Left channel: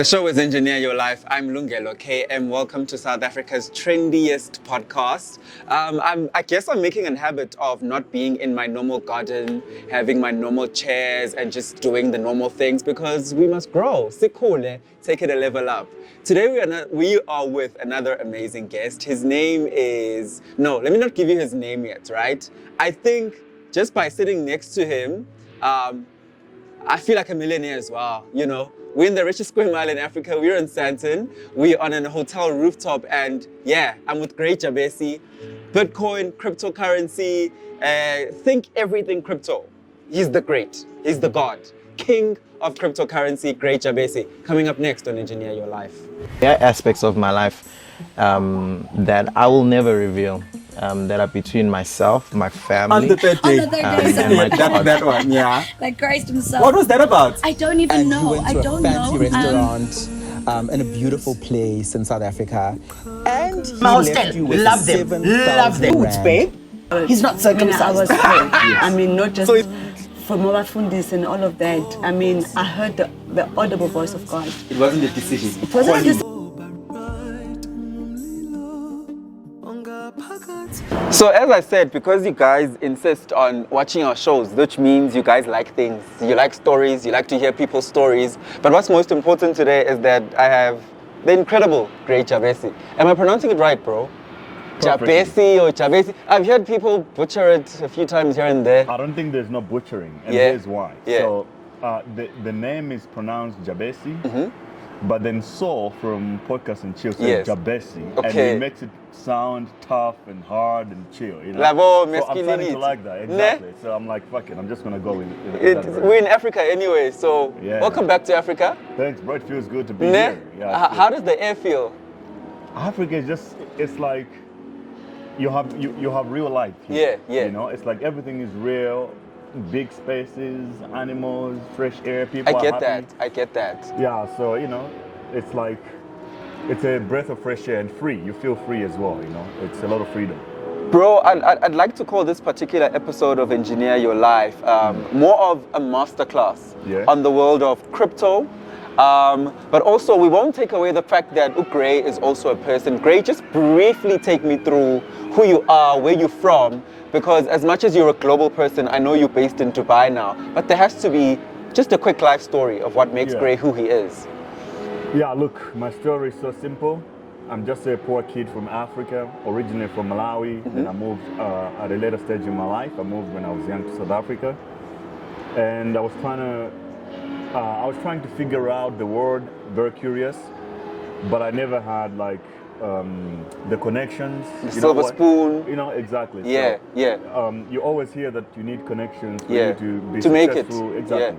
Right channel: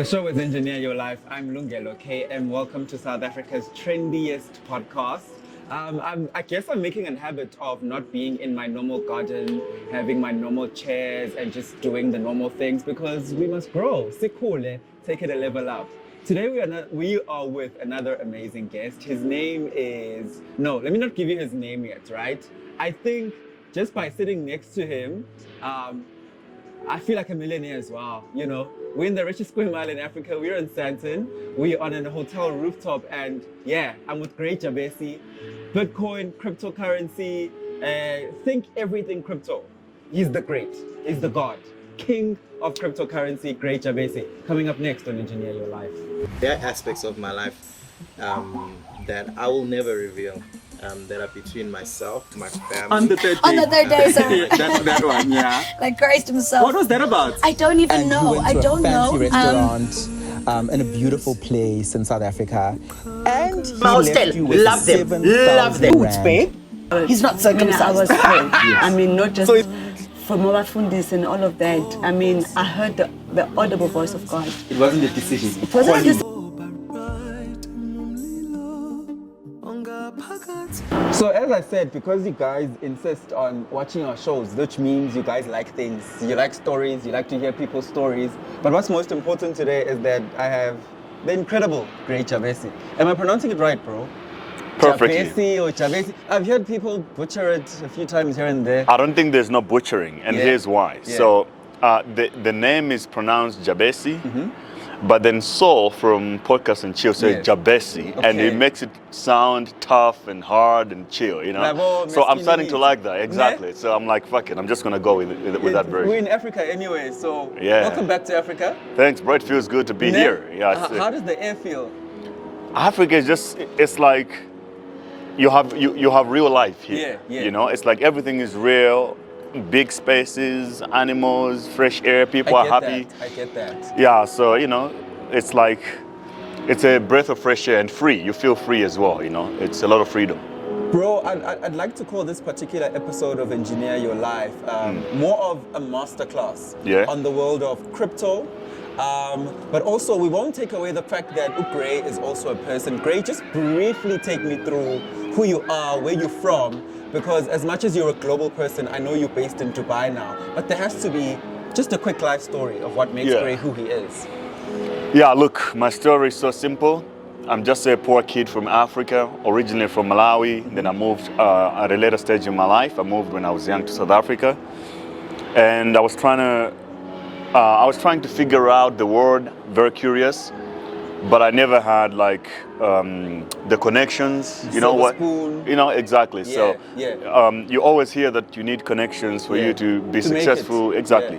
The show is Engineer Your Life. I'm Lungelo K, and welcome to South Africa's trendiest podcast. I guess I'm making a habit of not being in my normal garden, having my normal chairs, and just doing the normal things because we must grow. Sikule, take it a level up. Today we are with another amazing guest. His name is... No, let me not give you his name yet, right? I think just by sitting next to him, I feel like a millionaire as well, you know? We're in the richest square mile in Africa. We're in Sandton. We're on a hotel rooftop, and yeah, I'm with great Jabesi. Bitcoin, cryptocurrency, think everything crypto. He's the great. He's the god. King of cryptocurrency, great Jabesi. Coming up next on Engineer Your Life. There are aspects of my life that I will never reveal. That are between myself, my family. On the third day. That one, yeah. Like Christ himself. What was that about? I don't even know. You went to a fancy restaurant in a beautiful place in South Africa. And he Mouse left you with love them. 7,000 rand. Babe. He's not circumcised. I was told. I mean, not just from our fundis and all of that. I mean, I heard the audible voice of God. It wasn't a decision. It wasn't a decision. So as I said, because you guys insist on watching our shows, which means you guys like things, you like stories, you like to hear people's stories. But what's most important today is that I have the incredible great Jabesi. Am I pronouncing it right, bro? Perfectly. Jabesi or Jabesi. I've heard people butcher it a few times here and there. I don't think there's no butchering, and here's why. Yeah. So the name is pronounced Jabesi, but then Saul from Podcast and Chill said Jabesi, and he makes it sound tough and hard and chill, you know? So I'm starting to like that, exactly. So I'm like, fuck it, I'm just gonna go with that version. We're in Africa anyway, so welcome back to Africa. Thanks, bro, it feels good to be here. Yeah. How does the air feel? Africa is just, it's like, you have real life here. Yeah. You know, it's like everything is real. Big spaces, animals, fresh air, people are happy. I get that. Yeah, so, you know, it's like, it's a breath of fresh air and free. You feel free as well, you know, it's a lot of freedom. Bro, I'd like to call this particular episode of Engineer Your Life more of a masterclass on the world of crypto. But also, we won't take away the fact that Gray is also a person. Gray, just briefly take me through who you are, where you're from, because as much as you're a global person, I know you're based in Dubai now, but there has to be just a quick life story of what makes Gray who he is. Yeah, look, my story is so simple. I'm just a poor kid from Africa, originally from Malawi. Then I moved at a later stage in my life. I moved when I was young to South Africa. And I was trying to figure out the world, very curious. But I never had like the connections, you know what? Spoon. You know, exactly. You always hear that you need connections for you to be successful. Exactly.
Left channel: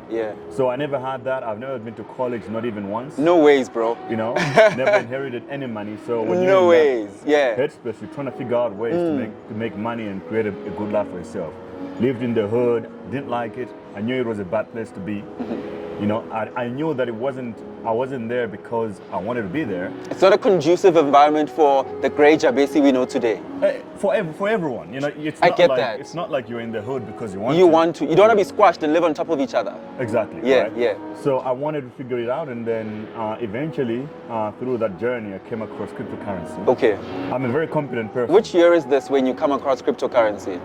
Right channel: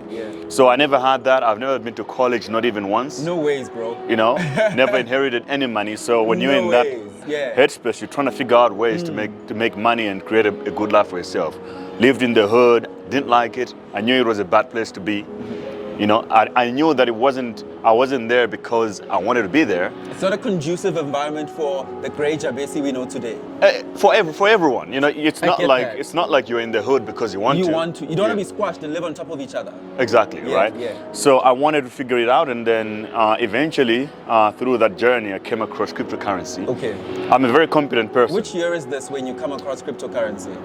So I never had that. I've never been to college, not even once. No ways, bro. You know, never inherited any money. So when you're in that headspace, you're trying to figure out ways to make money and create a good life for yourself. Lived in the hood, didn't like it. I knew it was a bad place to be. You know, I knew that I wasn't there because I wanted to be there. It's not a conducive environment for the great Jabesi we know today. For everyone, you know, it's not like you're in the hood because you want to. You don't want to be squashed and live on top of each other. Exactly, right? Yeah. So I wanted to figure it out, and then eventually, through that journey, I came across cryptocurrency. Okay. I'm a very competent person. Which year is this when you come across cryptocurrency?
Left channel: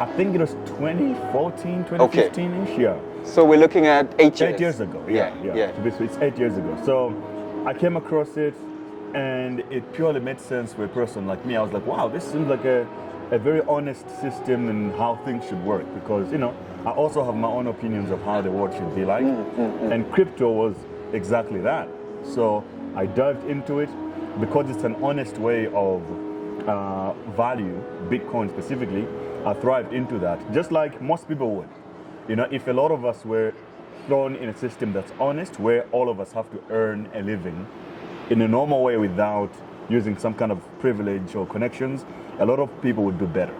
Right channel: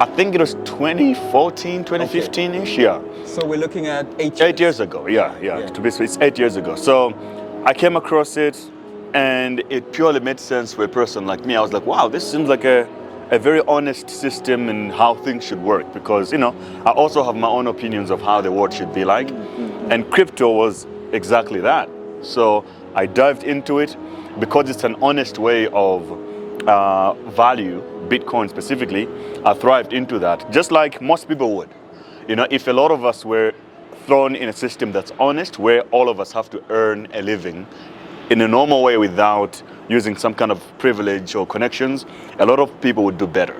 I think it was 2014, 2015-ish, So we're looking at 8 years. 8 years ago, yeah. To be it's 8 years ago. So I came across it, and it purely made sense for a person like me. I was like, wow, this seems like a very honest system in how things should work, because, you know, I also have my own opinions of how the world should be like. And crypto was exactly that. So I dived into it because it's an honest way of value, Bitcoin specifically. I thrived into that, just like most people would. You know, if a lot of us were thrown in a system that's honest, where all of us have to earn a living in a normal way without using some kind of privilege or connections, a lot of people would do better.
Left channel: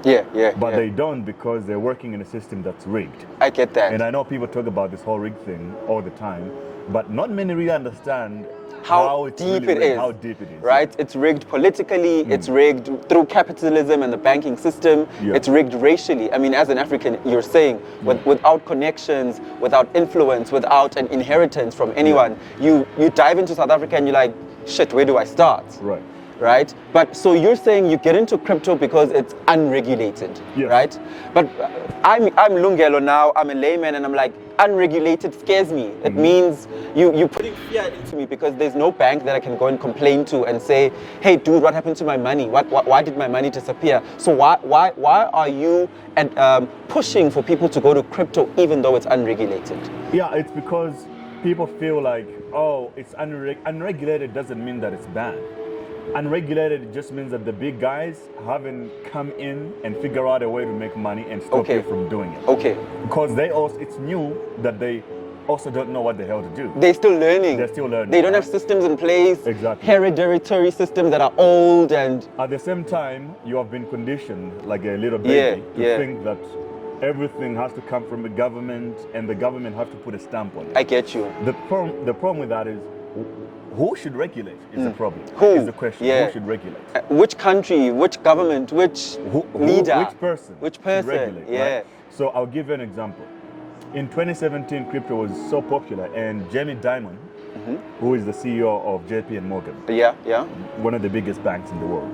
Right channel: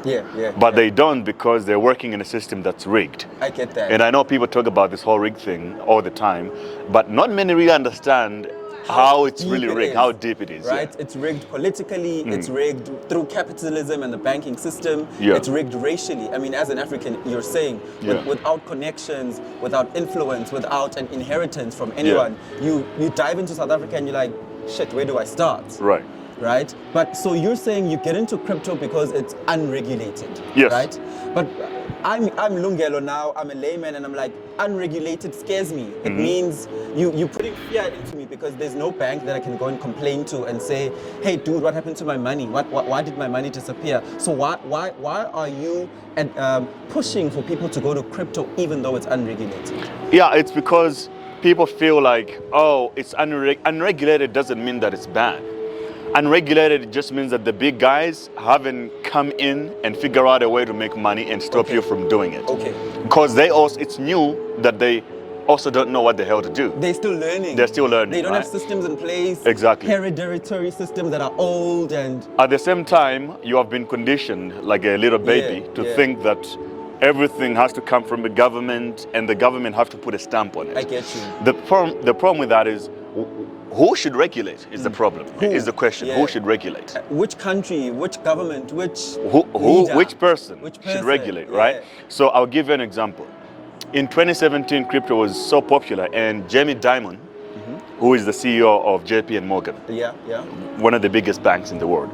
But they don't, because they're working in a system that's rigged. I get that. And I know people talk about this whole rigged thing all the time, but not many really understand how it's deep really it rigged, is, how deep it is. right? Yeah. It's rigged politically, it's rigged through capitalism and the banking system, Yeah. it's rigged racially. I mean, as an African, you're saying, without connections, without influence, without an inheritance from anyone, you dive into South Africa and you're like, shit, where do I start? Right. Right? But so you're saying you get into crypto because it's unregulated, Yes. right? But I'm Lungelo now, I'm a layman, and I'm like, unregulated scares me. It means you're putting fear into me because there's no bank that I can go and complain to and say, hey dude, what happened to my money? Why did my money disappear? So why are you pushing for people to go to crypto even though it's unregulated? Yeah, it's because people feel like, oh, it's unregulated doesn't mean that it's bad. Unregulated just means that the big guys haven't come in and figure out a way to make money and stop you from doing it. Okay. Because it's new that they also don't know what the hell to do. They're still learning. They're still learning. They don't right? have systems in place. Exactly. Hereditary systems that are old and... At the same time, you have been conditioned like a little baby to think that everything has to come from the government and the government have to put a stamp on it. I get you. The problem with that is who should regulate is the problem. Who? Is the question. Yeah. Who should regulate? Which country, which government, which leader? Which person Which should regulate, right? So I'll give you an example. In 2017, crypto was so popular, and Jamie Dimon, who is the CEO of JP Morgan, one of the biggest banks in the world,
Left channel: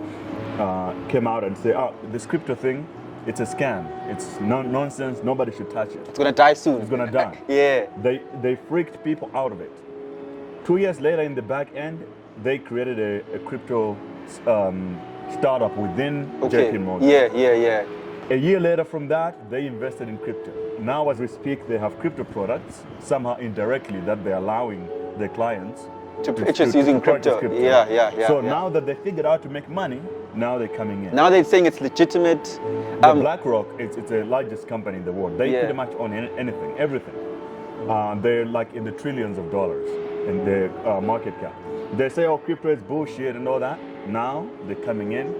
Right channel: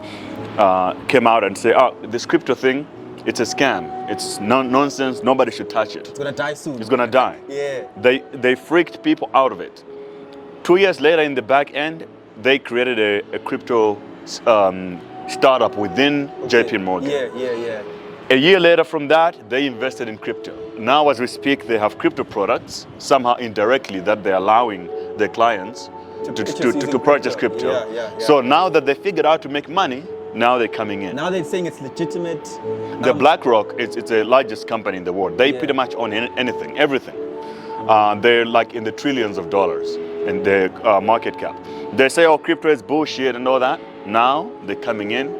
came out and said, oh, this crypto thing, it's a scam. It's nonsense. Nobody should touch it. It's going to die soon. It's going to die. Yeah. They freaked people out of it. 2 years later, in the back end, they created a crypto startup within JP Morgan. Yeah. A year later from that, they invested in crypto. Now, as we speak, they have crypto products, somehow indirectly, that they're allowing their clients to purchase crypto. So now that they figured out to make money, now they're coming in. Now they're saying it's legitimate. The BlackRock, it's the largest company in the world. They pretty much own anything, everything. They're like in the trillions of dollars in their market cap. They say, oh, crypto is bullshit and all that. Now they're coming in,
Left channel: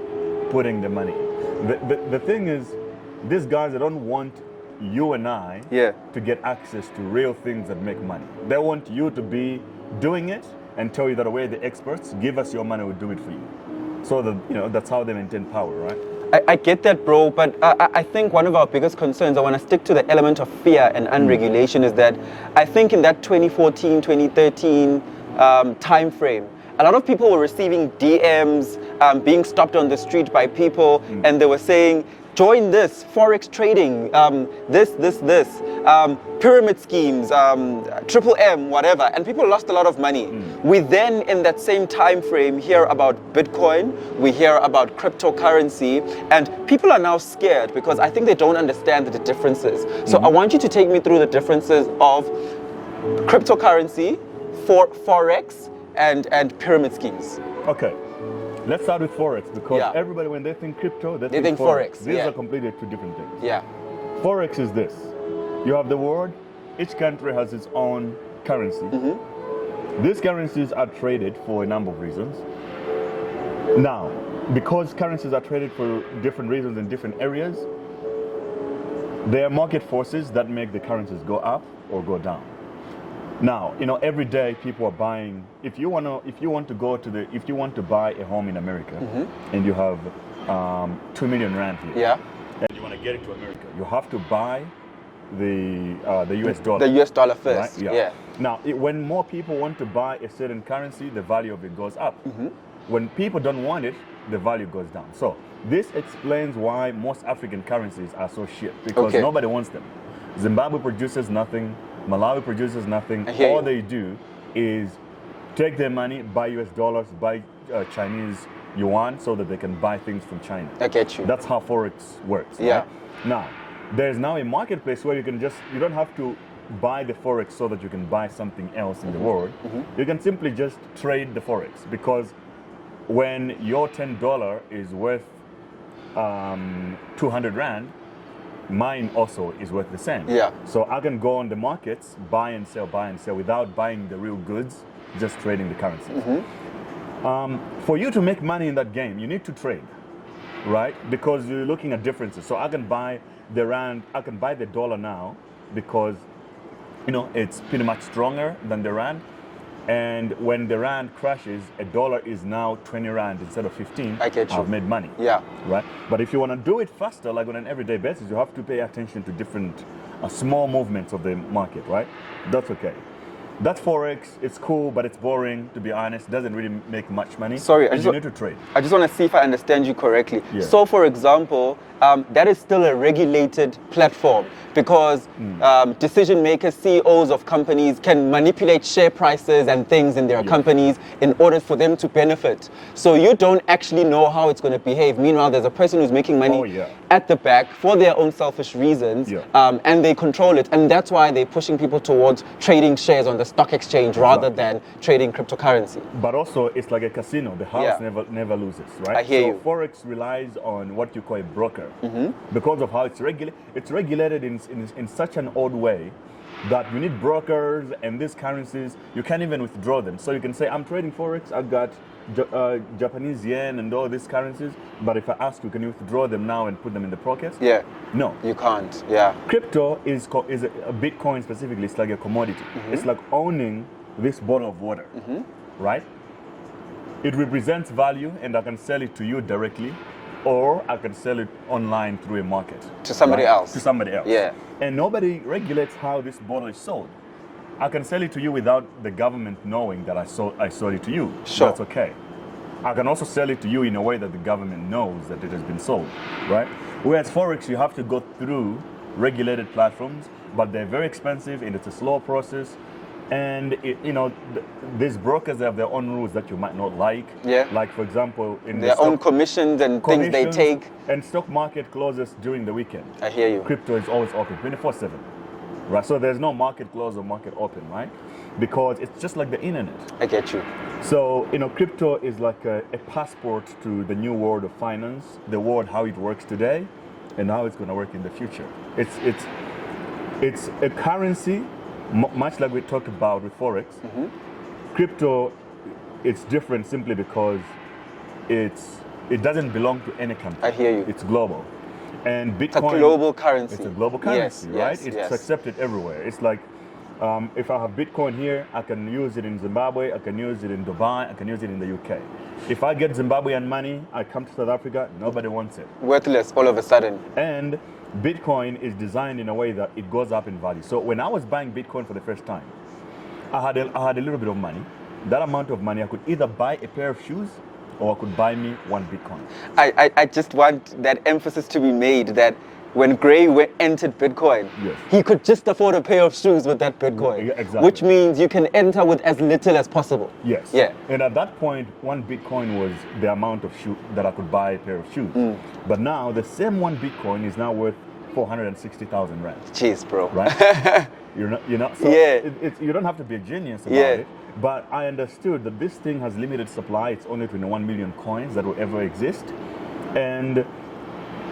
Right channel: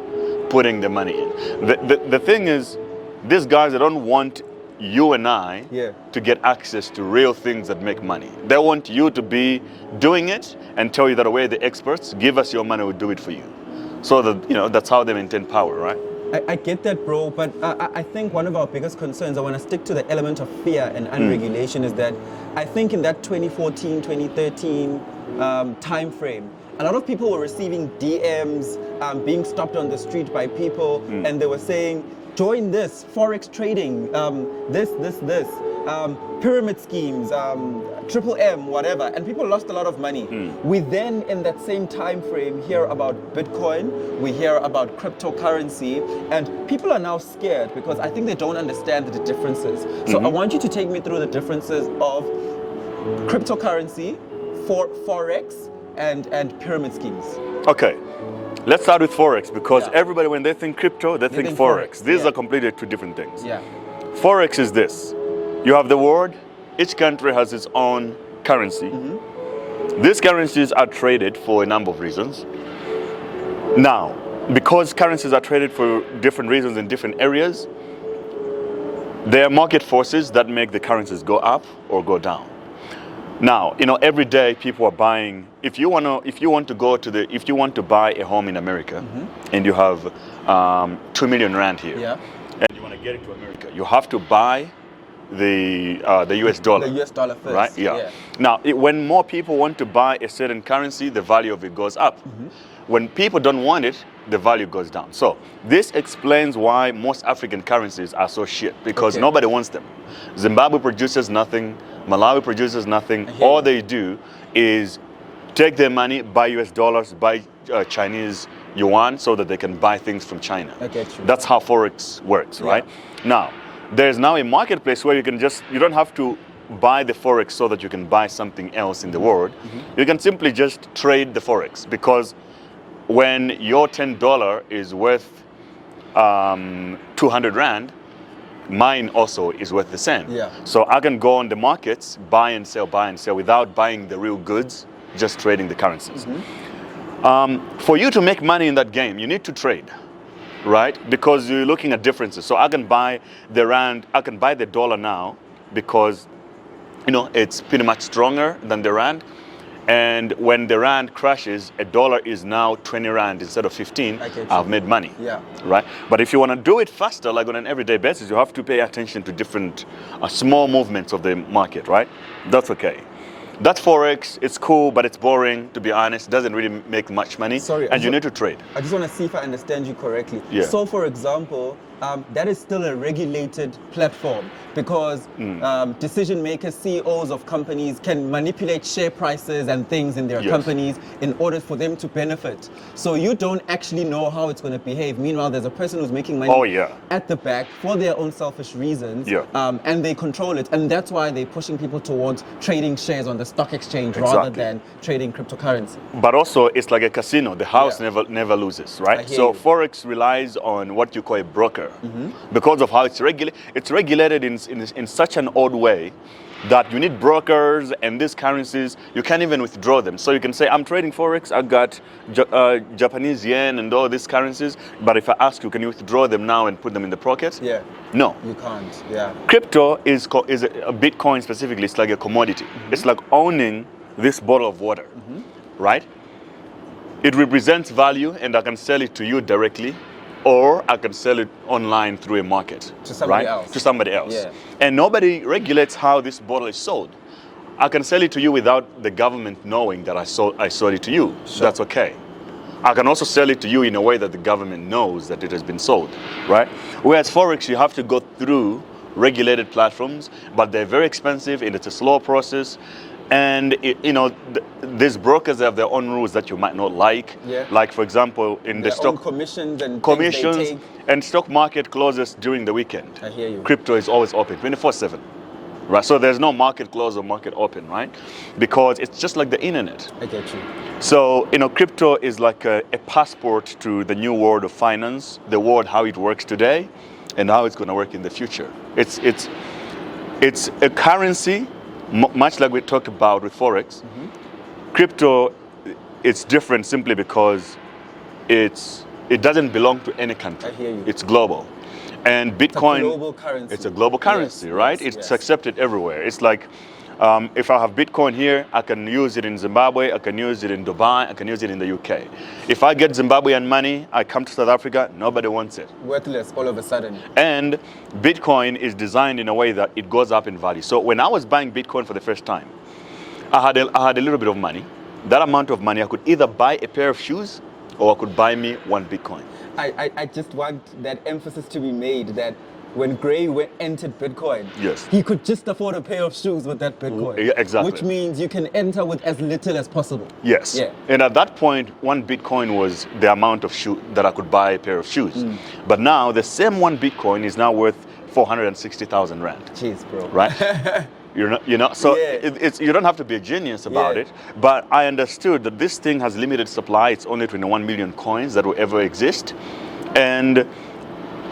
putting the money in. The thing is, these guys, they don't want you and I to get access to real things that make money. They want you to be doing it and tell you that we're the experts, give us your money, we'll do it for you. So that, that's how they maintain power, right? I get that, bro, but I think one of our biggest concerns, I want to stick to the element of fear and unregulation, is that I think in that 2014, 2013 time frame, a lot of people were receiving DMs, being stopped on the street by people, and they were saying, join this, Forex trading, this, pyramid schemes, triple M, whatever, and people lost a lot of money. We then, in that same time frame, hear about Bitcoin, we hear about cryptocurrency, and people are now scared because I think they don't understand the differences. So I want you to take me through the differences of cryptocurrency, Forex, and pyramid schemes. Okay. Let's start with Forex, because everybody, when they think crypto, they think Forex. These are completely two different things. Yeah. Forex is this. You have the world, each country has its own currency. These currencies are traded for a number of reasons. Now, because currencies are traded for different reasons in different areas, there are market forces that make the currencies go up or go down. Now, every day people are buying. If you want to buy a home in America, and you have 2 million rand here, and you want to get it to America, you have to buy the US dollar. The US dollar first. Right? Yeah. Now, when more people want to buy a certain currency, the value of it goes up. When people don't want it, the value goes down. So this explains why most African currencies are so shit, because nobody wants them. Zimbabwe produces nothing. Malawi produces nothing. All they do is take their money, buy US dollars, buy Chinese yuan, so that they can buy things from China. I get you. That's how Forex works, right? Now, there's now a marketplace where you don't have to buy the Forex so that you can buy something else in the world. You can simply just trade the Forex, because when your $10 is worth 200 Rand, mine also is worth the same. So I can go on the markets, buy and sell without buying the real goods, just trading the currencies. For you to make money in that game, you need to trade, right? Because you're looking at differences. So I can buy the Rand, I can buy the dollar now because, it's pretty much stronger than the Rand. And when the rand crashes, a dollar is now 20 rand instead of 15. I get you. I've made money. Yeah. Right? But if you want to do it faster, like on an everyday basis, you have to pay attention to different small movements of the market, right? That's okay. That's Forex. It's cool, but it's boring, to be honest. Doesn't really make much money. Sorry, and you need to trade. I just want to see if I understand you correctly. Yeah. So, for example, that is still a regulated platform because decision makers, CEOs of companies can manipulate share prices and things in their Yes. companies in order for them to benefit. So you don't actually know how it's going to behave. Meanwhile, there's a person who's making money at the back for their own selfish reasons, and they control it. And that's why they're pushing people towards trading shares on the stock exchange rather than trading cryptocurrency. But also, it's like a casino. The house never loses, right? I hear So you. Forex relies on what you call a broker because of how it's regulated. It's regulated in such an odd way that you need brokers, and these currencies, you can't even withdraw them. So you can say, I'm trading Forex, I got Japanese yen and all these currencies, but if I ask you, can you withdraw them now and put them in the pocket? Yeah. No. You can't. Yeah. Crypto is a Bitcoin specifically, it's like a commodity. It's like owning this bottle of water, right? It represents value, and I can sell it to you directly, or I can sell it online through a market. To somebody right? else. To somebody else. Yeah. And nobody regulates how this bottle is sold. I can sell it to you without the government knowing that I sold it to you. Sure. That's okay. I can also sell it to you in a way that the government knows that it has been sold, right? Whereas Forex, you have to go through regulated platforms, but they're very expensive and it's a slow process. And these brokers have their own rules that you might not like. Yeah. Like, for example, in Their the own stock commissions and things they take. and stock market closes during the weekend. I hear you. Crypto is always open 24/7. Right? So there's no market close or market open, right? Because it's just like the internet. I get you. So, crypto is like a passport to the new world of finance, the world how it works today and how it's going to work in the future. It's a currency, much like we talked about with Forex. Crypto, it's different simply because it doesn't belong to any country. I hear you. It's global. And Bitcoin, it's a global currency. It's a global currency, Yes, right? yes, It's yes. accepted everywhere. It's like, if I have Bitcoin here, I can use it in Zimbabwe, I can use it in Dubai, I can use it in the UK. If I get Zimbabwean money, I come to South Africa, nobody wants it. Worthless all of a sudden. And Bitcoin is designed in a way that it goes up in value. So when I was buying Bitcoin for the first time, I had a little bit of money. That amount of money, I could either buy a pair of shoes or I could buy me one Bitcoin. I just want that emphasis to be made that when Gray entered Bitcoin, Yes. he could just afford a pair of shoes with that Bitcoin. Yeah, exactly. Which means you can enter with as little as possible. Yes. Yeah. And at that point, one Bitcoin was the amount of shoe that I could buy a pair of shoes. But now the same one Bitcoin is now worth 460,000 rand. Jeez, bro. Right? So Yeah. it's you don't have to be a genius about Yeah. it. But I understood that this thing has limited supply. It's only 21 million coins that will ever exist. And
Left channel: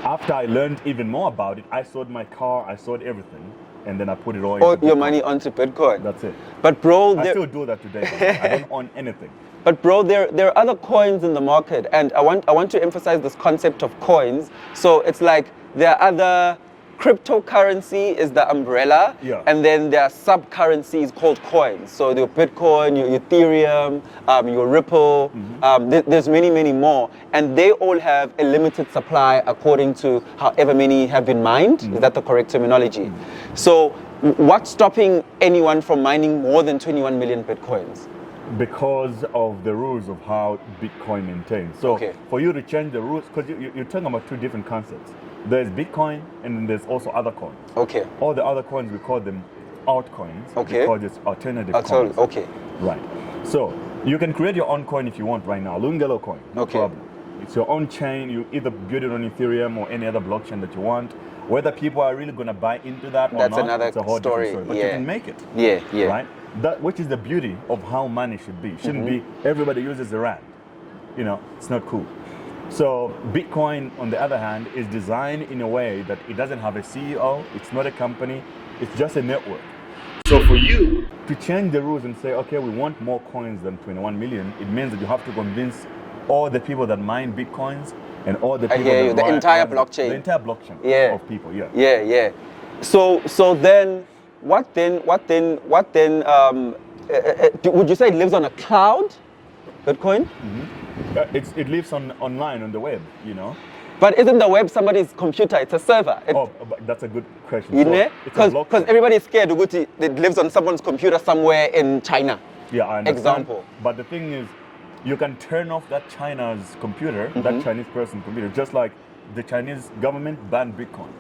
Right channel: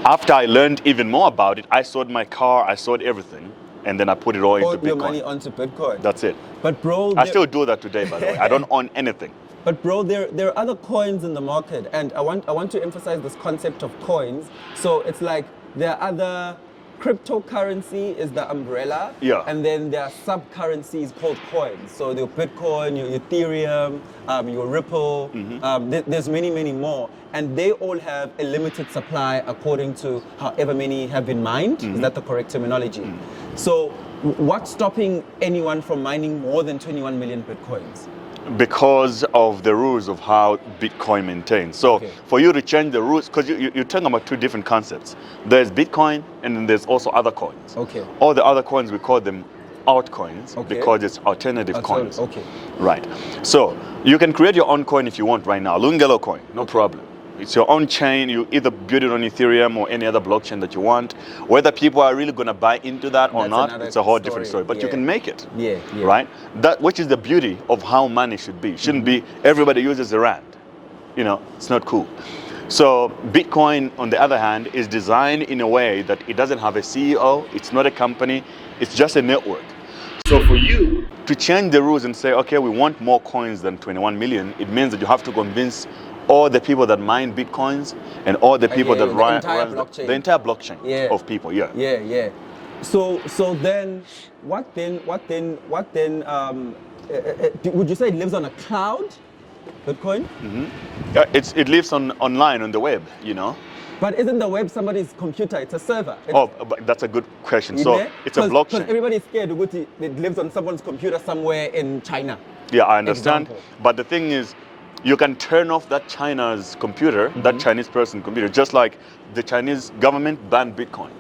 after I learned even more about it, I sold my car, I sold everything, and then I put it all into Put Bitcoin. your money onto Bitcoin. That's it. But bro, I still do that today, by the way. I don't own anything. But bro, there are other coins in the market, and I want to emphasize this concept of coins. So it's like there are other cryptocurrency is the umbrella, and then there are sub-currencies called coins. So your Bitcoin, your Ethereum, your Ripple, there's many more, and they all have a limited supply according to however many have been mined. Is that the correct terminology? So what's stopping anyone from mining more than 21 million Bitcoins? Because of the rules of how Bitcoin maintains. So for you to change the rules, because you're talking about two different concepts. There's Bitcoin and then there's also other coins. Okay. All the other coins, we call them altcoins because it's alternative coins. Okay. Right. So you can create your own coin if you want right now. Lungelo coin, no problem. It's your own chain. You either build it on Ethereum or any other blockchain that you want. Whether people are really going to buy into that or not, it's a whole different story. But you can make it. Yeah. Right? That, which is the beauty of how money should be. It shouldn't be everybody uses a rand. It's not cool. So Bitcoin, on the other hand, is designed in a way that it doesn't have a CEO. It's not a company. It's just a network. So for you to change the rules and say, okay, we want more coins than 21 million, it means that you have to convince all the people that mine Bitcoins and all the people that run the entire blockchain of people. So then what then would you say it lives on a cloud, Bitcoin? It lives online on the web, you know. But isn't the web somebody's computer? It's a server. But that's a good question. You So know? it's a blockchain. Because everybody's scared Uguti, it lives on someone's computer somewhere in China. Yeah, I understand. Example. But the thing is, you can turn off that China's computer, that Chinese person computer, just like the Chinese government banned Bitcoin.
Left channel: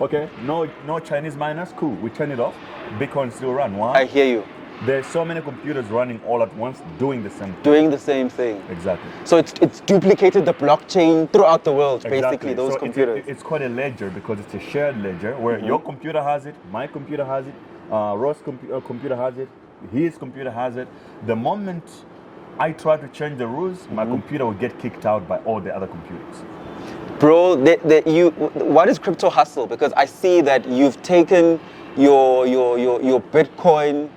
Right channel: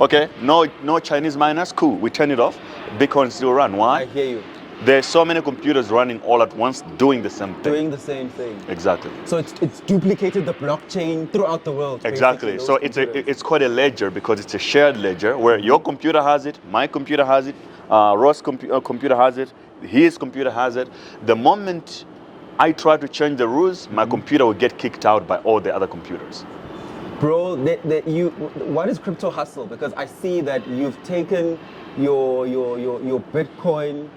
Okay, no Chinese miners, cool. We turn it off. Bitcoin still run. Why? I hear you. There's so many computers running all at once, doing the same thing. Doing the same thing. Exactly. So it's duplicated the blockchain throughout the world. Exactly. Basically, So computers. it's quite a ledger because it's a shared ledger where your computer has it, my computer has it, Ross' computer has it, his computer has it. The moment I try to change the rules, my computer will get kicked out by all the other computers. Bro, what is crypto hustle? Because I see that you've taken your Bitcoin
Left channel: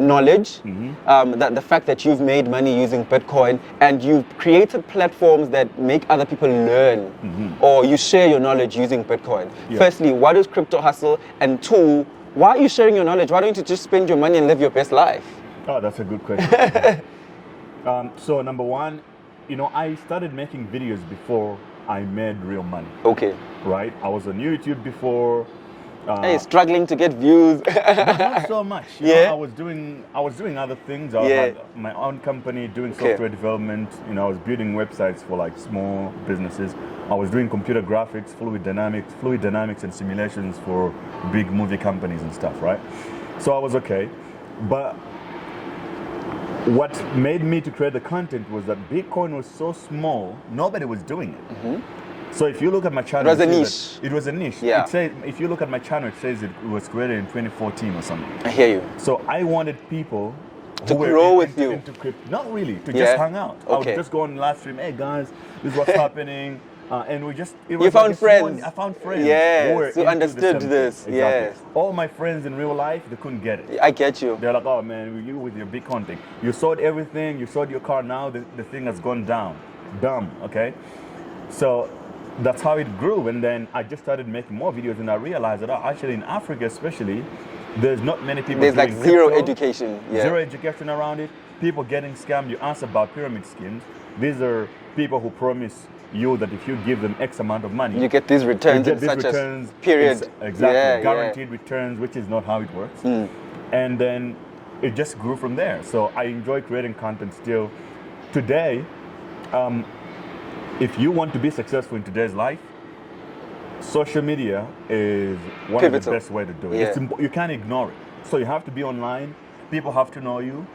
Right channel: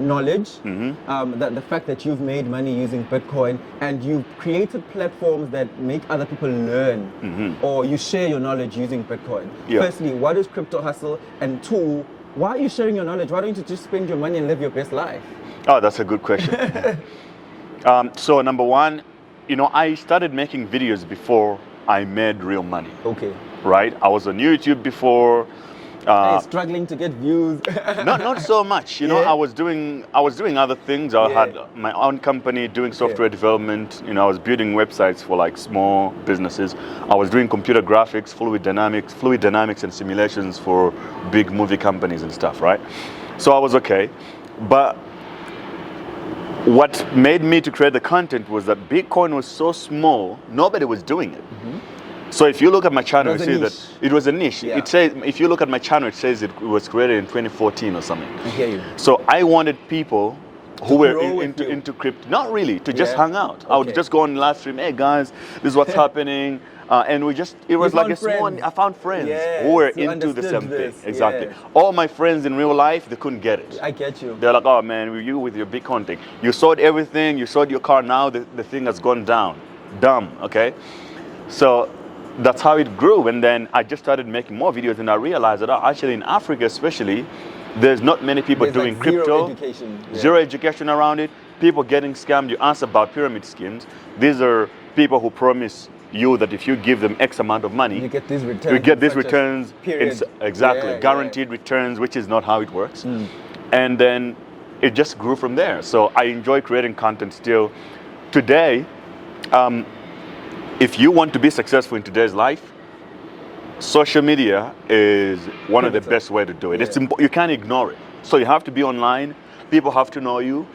knowledge, the fact that you've made money using Bitcoin, and you've created platforms that make other people learn, or you share your knowledge using Bitcoin. Yeah. Firstly, what is crypto hustle? And two, why are you sharing your knowledge? Why don't you just spend your money and live your best life? Oh, that's a good question. So number one, you know, I started making videos before I made real money. Okay. Right? I was on YouTube before. Hey, struggling to get views. Not so much. You know, I was doing other things. I had my own company doing software development. You know, I was building websites for like small businesses. I was doing computer graphics, fluid dynamics and simulations for big movie companies and stuff, right? So I was okay. But what made me to create the content was that Bitcoin was so small, nobody was doing it. So if you look at my channel, it was a niche. Yeah. It says, if you look at my channel, it says it was created in 2014 or something. I hear you. So I wanted people who were into crypto, not really, to just hang out. I would just go on live stream, hey guys, this is what's happening. And it was like I found friends who were into the same thing. Exactly. All my friends in real life, they couldn't get it. I get you. They're like, oh man, you with your Bitcoin thing. You sold everything, you sold your car, now the thing has gone down. Dumb, okay? So that's how it grew. And then I just started making more videos and I realized that actually in Africa especially, there's not many people doing like crypto. Zero education. Yeah. Zero education around it. People getting scammed. You ask about pyramid schemes. These are people who promise you that if you give them X amount of money, you get these returns. You get these returns. Period. Exactly. Guaranteed returns, which is not how it works. And then it just grew from there. So I enjoy creating content still. Today, if you want to be successful in today's life, social media is one of the best way to do it. You can't ignore it. So you have to be online. People have to know you.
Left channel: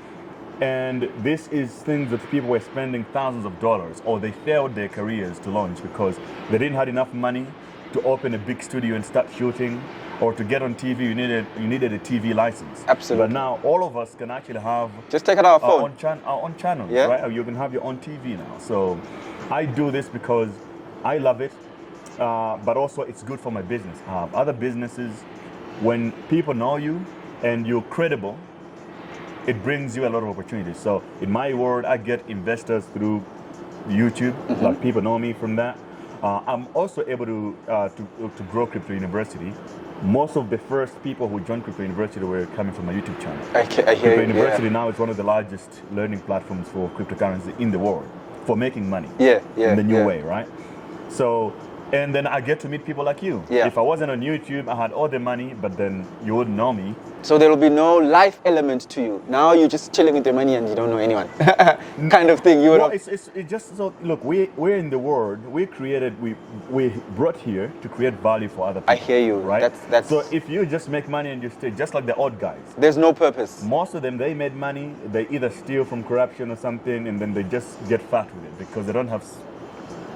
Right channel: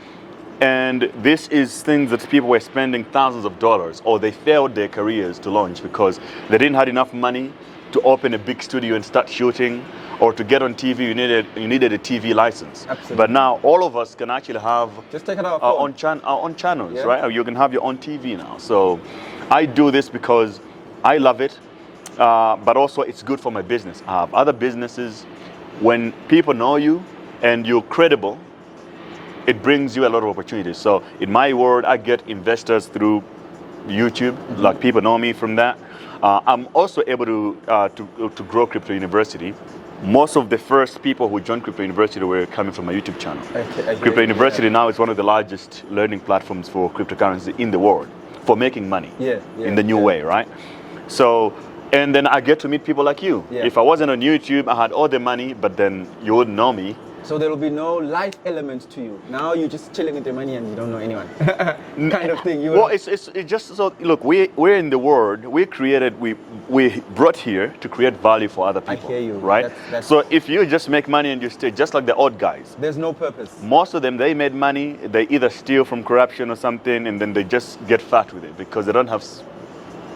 And this is things that people were spending thousands of dollars, or they failed their careers to launch because they didn't have enough money to open a big studio and start shooting, or to get on TV, you needed a TV license. Absolutely. But now all of us can actually have just take it out our own channels, right? Or you can have your own TV now. So I do this because I love it, but also it's good for my business. I have other businesses. When people know you and you're credible, it brings you a lot of opportunities. So in my world, I get investors through YouTube, like people know me from that. I'm also able to grow Crypto University. Most of the first people who joined Crypto University were coming from my YouTube channel. Crypto University now is one of the largest learning platforms for cryptocurrency in the world for making money in the new way, right? So, and then I get to meet people like you. If I wasn't on YouTube, I had all the money, but then you wouldn't know me. So there will be no life element to you. Now you're just chilling with your money and you don't know anyone, kind of thing. Well, it's just so. Look, we're in the world. We brought here to create value for other people. I hear you. Right. So if you just make money and you stay, just like the old guys, there's no purpose. Most of them, they made money. They either steal from corruption or something, and then they just get fat with it because they don't have,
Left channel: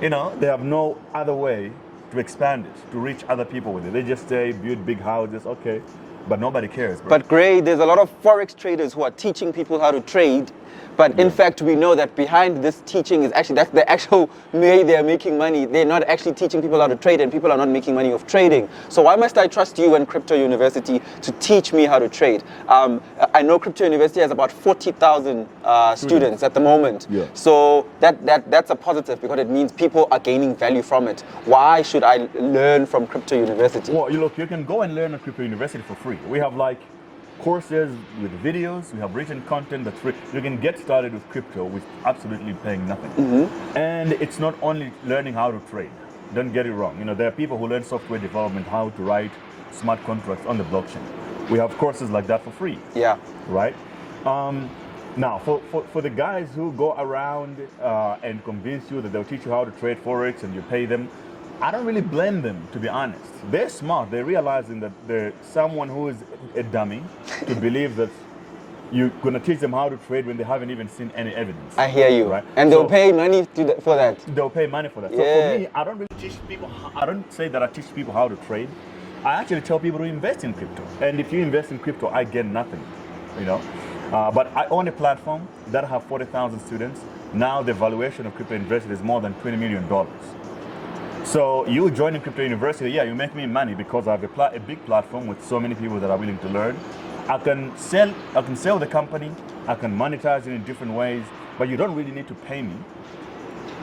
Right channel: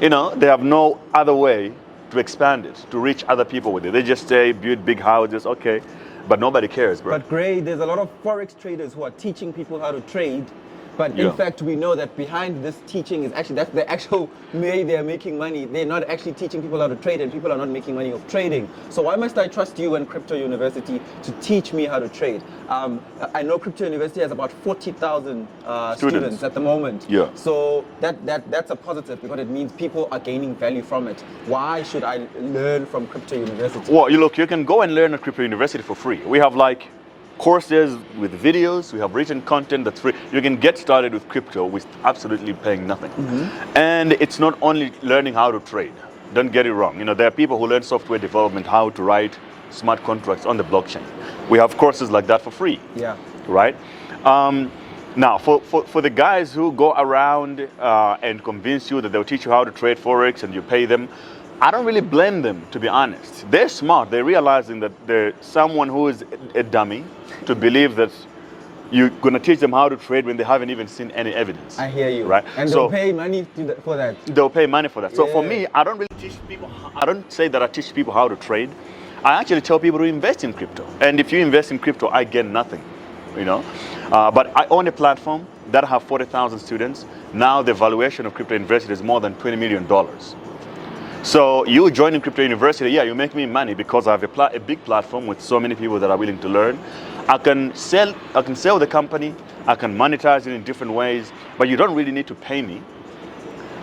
they have no other way to expand it, to reach other people with it. They just stay, build big houses, okay. But nobody cares, bro. But Gray, there's a lot of Forex traders who are teaching people how to trade. But in fact, we know that behind this teaching is actually, that's the actual way they're making money. They're not actually teaching people how to trade, and people are not making money off trading. So why must I trust you and Crypto University to teach me how to trade? I know Crypto University has about 40,000 students at the moment. Yeah. So that's a positive because it means people are gaining value from it. Why should I learn from Crypto University? Well, you can go and learn at Crypto University for free. We have like courses with videos. We have written content that's free. You can get started with crypto with absolutely paying nothing. And it's not only learning how to trade. Don't get it wrong. You know, there are people who learn software development, how to write smart contracts on the blockchain. We have courses like that for free. Yeah. Right? Now, for the guys who go around and convince you that they'll teach you how to trade Forex and you pay them, I don't really blame them, to be honest. They're smart. They're realizing that they're someone who is a dummy to believe that you're going to teach them how to trade when they haven't even seen any evidence. I hear you. Right? And they'll pay money for that. They'll pay money for that. So for Yeah. me, I don't really teach people, I don't say that I teach people how to trade. I actually tell people to invest in crypto. And if you invest in crypto, I get nothing, you know. But I own a platform that have 40,000 students. Now the valuation of crypto university is more than $20 million. So you joining crypto university, yeah, you make me money because I have a big platform with so many people that are willing to learn. I can sell the company, I can monetize it in different ways, but you don't really need to pay me.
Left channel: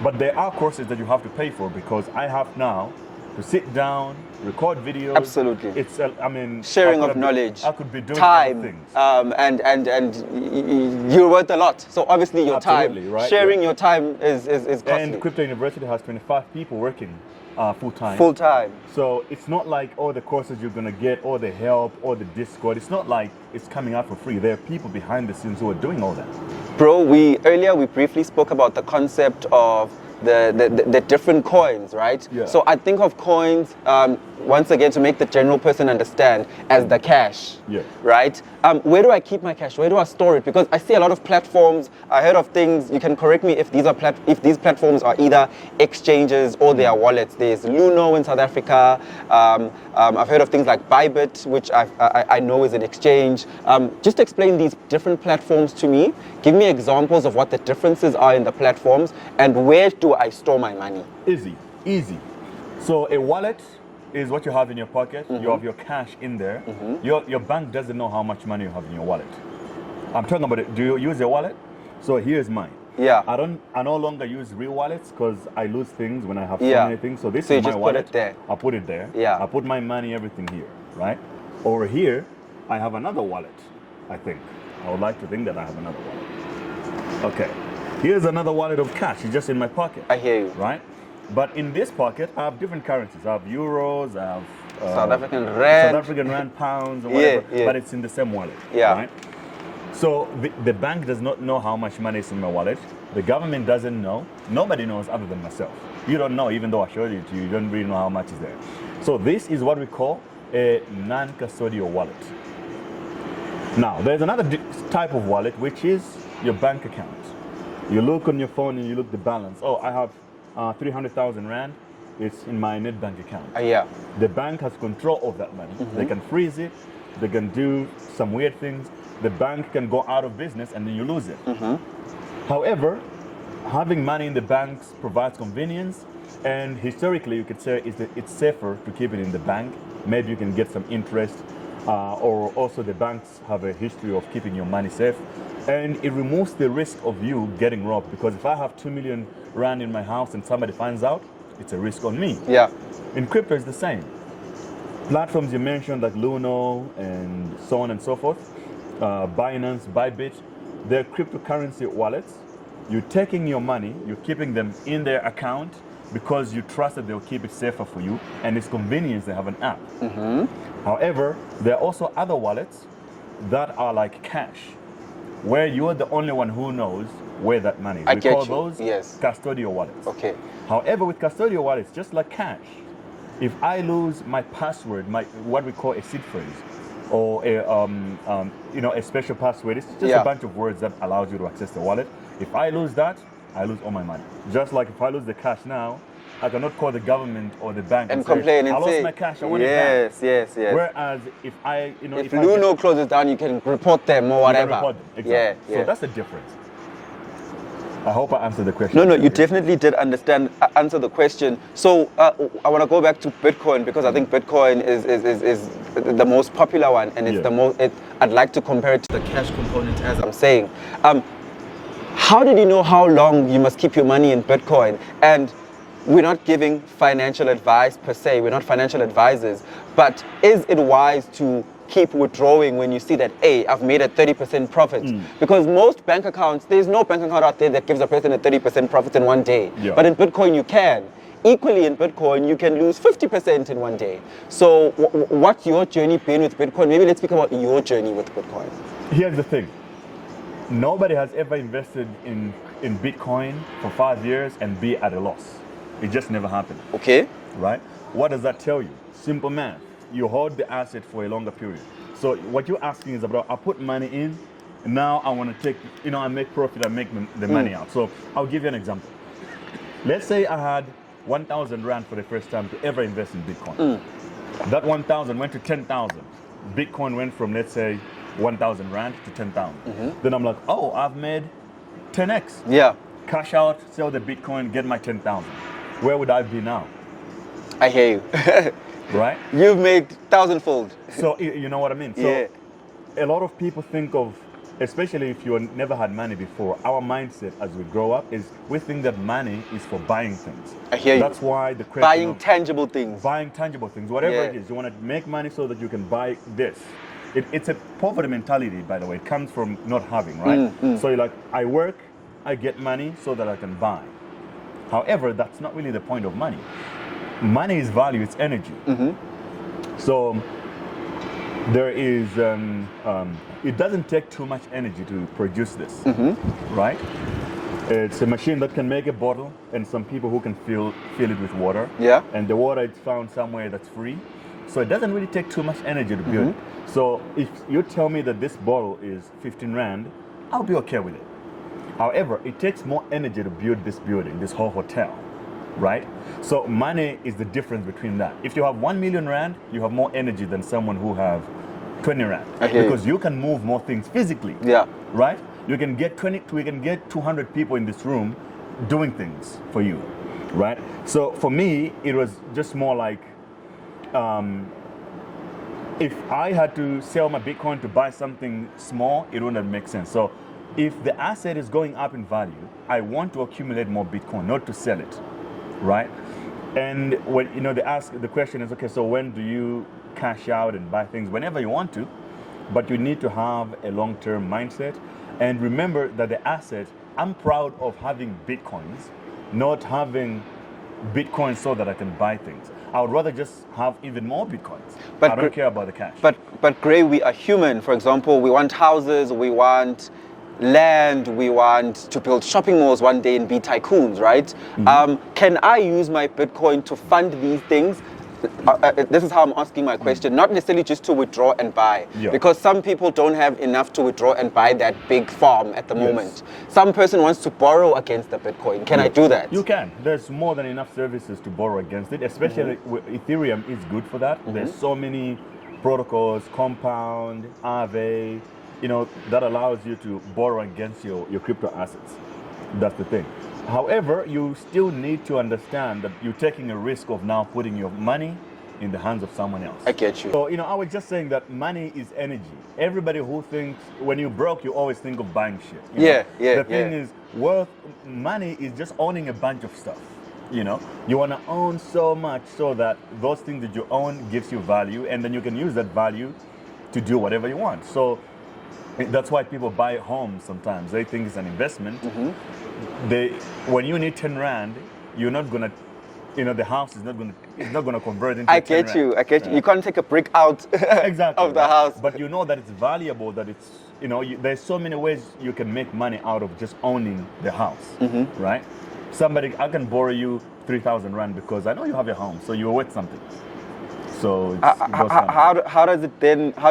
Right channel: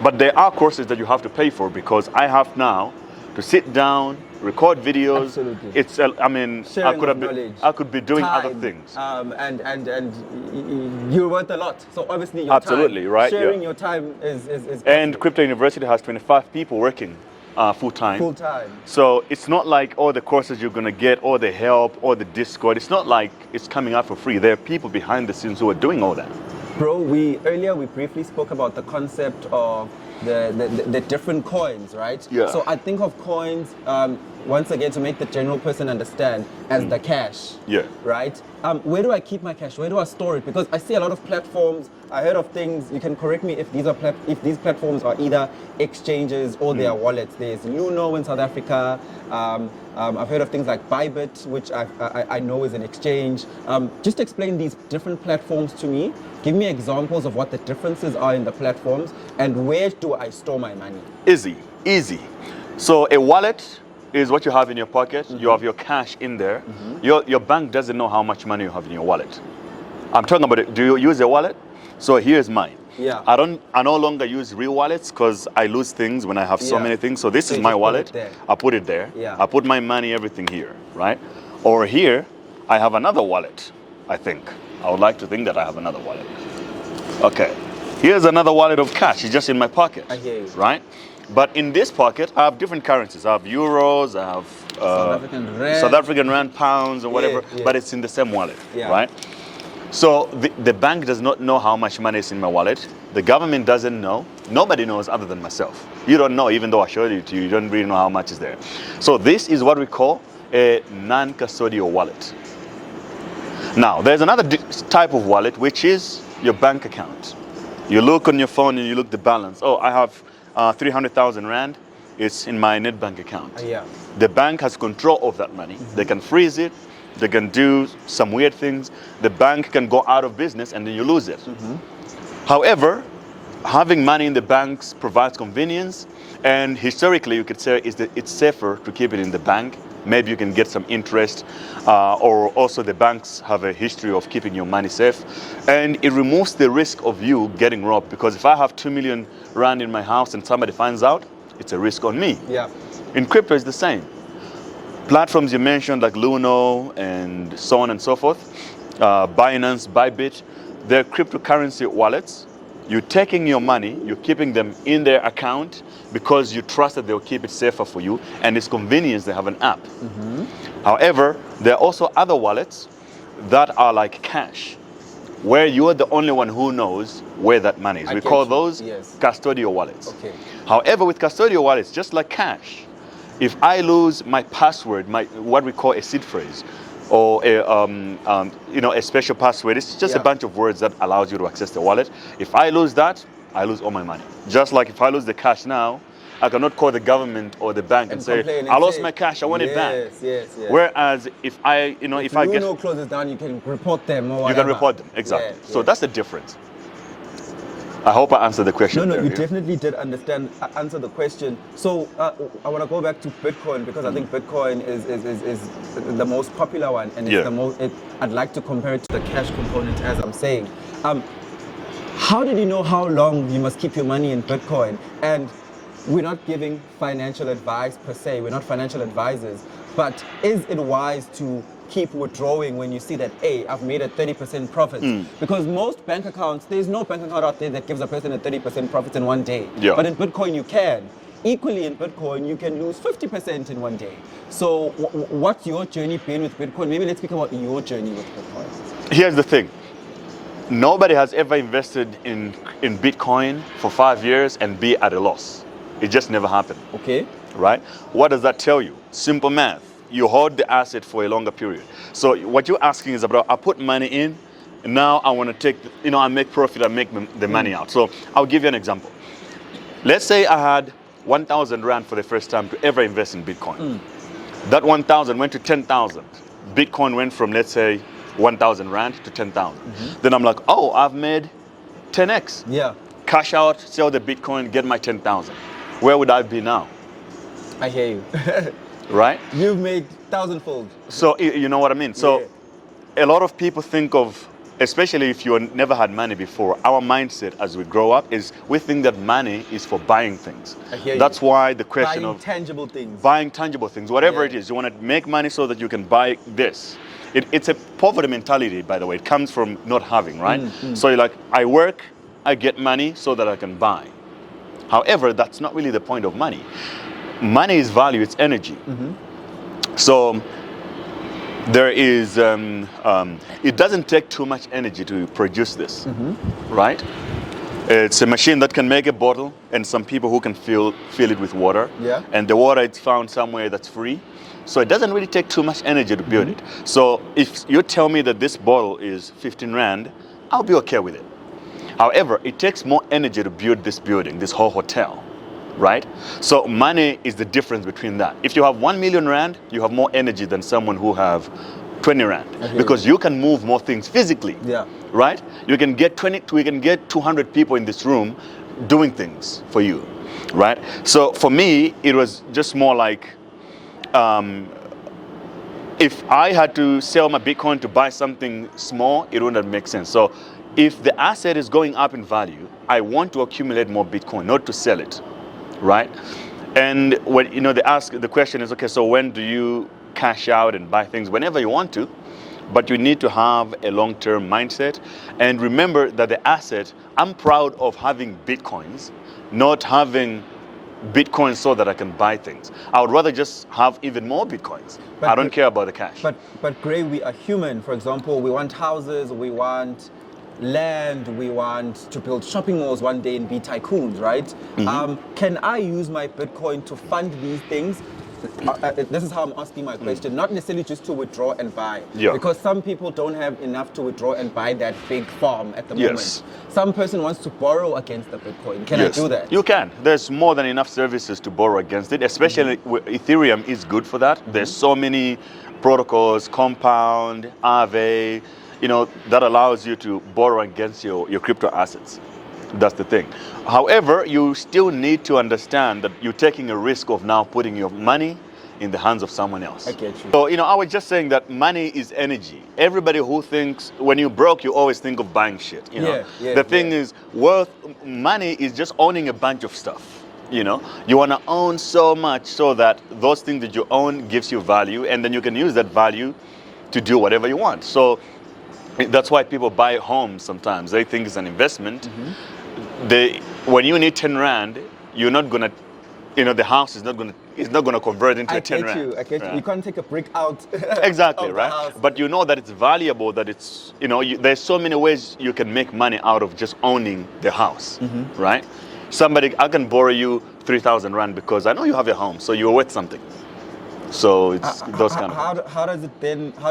But there are courses that you have to pay for because I have now to sit down, record videos. Absolutely. It's, I mean, Sharing of knowledge. I could be doing time, other things. And you're worth a lot. So obviously your Absolutely, time, right, sharing yeah. your time is costly. And Crypto University has 25 people working full-time. Full-time. So it's not like all the courses you're going to get, all the help, all the Discord. It's not like it's coming out for free. There are people behind the scenes who are doing all that. Bro, earlier we briefly spoke about the concept of the different coins, right? Yeah. So I think of coins, once again, to make the general person understand, as the cash. Yeah. Right? Where do I keep my cash? Where do I store it? Because I see a lot of platforms. I heard of things. You can correct me if these are if these platforms are either exchanges or they are wallets. There's Leau in South Africa. I've heard of things like Bybit, which I know is an exchange. Just explain these different platforms to me. Give me examples of what the differences are in the platforms and where do I store my money? Easy. So a wallet is what you have in your pocket. You have your cash in there. Your bank doesn't know how much money you have in your wallet. I'm talking about it. Do you use a wallet? So here's mine. Yeah. I no longer use real wallets because I lose things when I have so Yeah. many things. So this So is you my just put wallet. it there. I put it there. Yeah. I put my money, everything here, right? Or here, I have another wallet, I think. I would like to think that I have another wallet. Okay. Here's another wallet of cash. It's just in my pocket. I hear you. Right? But in this pocket, I have different currencies. I have euros, I have South African rand. pounds, or whatever. Yeah. But it's in the same wallet. Yeah. Right? So the bank does not know how much money is in my wallet. The government doesn't know. Nobody knows other than myself. You don't know, even though I showed it to you. You don't really know how much is there. So this is what we call a non-custodial wallet. Now, there's another type of wallet, which is your bank account. You look on your phone and you look the balance. Oh, I have 300,000 rand. It's in my net bank account. Yeah. The bank has control of that money. They can freeze it. They can do some weird things. The bank can go out of business and then you lose it. However, having money in the banks provides convenience. And historically, you could say it's safer to keep it in the bank. Maybe you can get some interest, or also the banks have a history of keeping your money safe. And it removes the risk of you getting robbed, because if I have 2 million rand in my house and somebody finds out, it's a risk on me. Yeah. In crypto, it's the same. Platforms you mentioned like Leau and so on and so forth, Binance, Bybit, they're cryptocurrency wallets. You're taking your money, you're keeping them in their account because you trust that they'll keep it safer for you, and it's convenience, they have an app. However, there are also other wallets that are like cash, where you're the only one who knows where that money is. I We get call you, those yes. custodial wallets. Okay. However, with custodial wallets, just like cash, if I lose my password, what we call a seed phrase, or a special password, it's just Yeah. a bunch of words that allows you to access the wallet. If I lose that, I lose all my money. Just like if I lose the cash now, I cannot call the government or the bank and say, complain and I lost say, my cash, I want it back. Yes. Whereas if I, If Luno closes down, you can report them or you whatever. can report them, exactly. Yeah, So yeah. that's the difference. I hope I answered the question. No, there, you yeah. definitely did answer the question. So I want to go back to Bitcoin, because I think Bitcoin is the most popular one, and it's Yeah. the most. I'd like to compare it to the cash component, as I'm saying. How did you know how long you must keep your money in Bitcoin? And we're not giving financial advice per se. We're not financial advisors. But is it wise to keep withdrawing when you see that, hey, I've made a 30% profit. Mm. Because most bank accounts, there's no bank account out there that gives a person a 30% profit in one day. Yeah. But in Bitcoin, you can. Equally in Bitcoin, you can lose 50% in one day. So what's your journey been with Bitcoin? Maybe let's speak about your journey with Bitcoin. Here's the thing. Nobody has ever invested in Bitcoin for 5 years and be at a loss. It just never happened. Okay. Right? What does that tell you? Simple math. You hold the asset for a longer period. So what you're asking is about, I put money in, and now I want to take, I make profit, I make the money out. So I'll give you an example. Let's say I had 1,000 Rand for the first time to ever invest in Bitcoin. That 1,000 went to 10,000. Bitcoin went from, let's say, 1,000 Rand to 10,000. Then I'm like, oh, I've made 10x. Yeah. Cash out, sell the Bitcoin, get my 10,000. Where would I be now? I hear you. Right? You've made thousandfold. So you know what I mean? So Yeah. a lot of people think of, especially if you never had money before, our mindset as we grow up is we think that money is for buying things. I hear you. That's why the question Buying of tangible things. buying tangible things, whatever Yeah. it is, you want to make money so that you can buy this. It's a poverty mentality, by the way. It comes from not having, right? So you're like, I work, I get money so that I can buy. However, that's not really the point of money. Money is value, it's energy. So there is, it doesn't take too much energy to produce this, right? It's a machine that can make a bottle, and some people who can fill it with water. Yeah. And the water is found somewhere that's free. So it doesn't really take too much energy to build it. So if you tell me that this bottle is 15 Rand, I'll be okay with it. However, it takes more energy to build this building, this whole hotel, right? So money is the difference between that. If you have 1 million Rand, you have more energy than someone who have 20 Rand. Because you can move more things physically, Yeah. right? You can get 200 people in this room doing things for you, right? So for me, it was just more like, if I had to sell my Bitcoin to buy something small, it wouldn't make sense. So if the asset is going up in value, I want to accumulate more Bitcoin, not to sell it, right? And when the question is, okay, so when do you cash out and buy things? Whenever you want to, but you need to have a long-term mindset. And remember that the asset, I'm proud of having Bitcoins, not having Bitcoin so that I can buy things. I would rather just have even more Bitcoins. But I don't care about the cash. But Gray, we are human. For example, we want houses, we want land, we want to build shopping malls one day and be tycoons, right? Can I use my Bitcoin to fund these things? This is how I'm asking my question, not necessarily just to withdraw and buy. Yeah. Because some people don't have enough to withdraw and buy that big farm at the moment. Yes. Some person wants to borrow against the Bitcoin. Can Yes. I do that? You can. There's more than enough services to borrow against it, especially Ethereum is good for that. There's so many protocols, Compound, Aave, that allows you to borrow against your crypto assets. That's the thing. However, you still need to understand that you're taking a risk of now putting your money in the hands of someone else. I get you. So, I was just saying that money is energy. Everybody who thinks when you're broke, you always think of buying shit. The thing is, money is just owning a bunch of stuff. You want to own so much so that those things that you own gives you value, and then you can use that value to do whatever you want. So that's why people buy homes sometimes. They think it's an investment. When you need 10 Rand, you're not gonna, the house is not gonna convert into 10 Rand. I get you. You can't take a brick out Exactly, of the right? house. But you know that it's valuable, that it's, there's so many ways you can make money out of just owning the house, right? I can borrow you 3,000 Rand because I know you have a home, so you're worth something. So it's those kind of how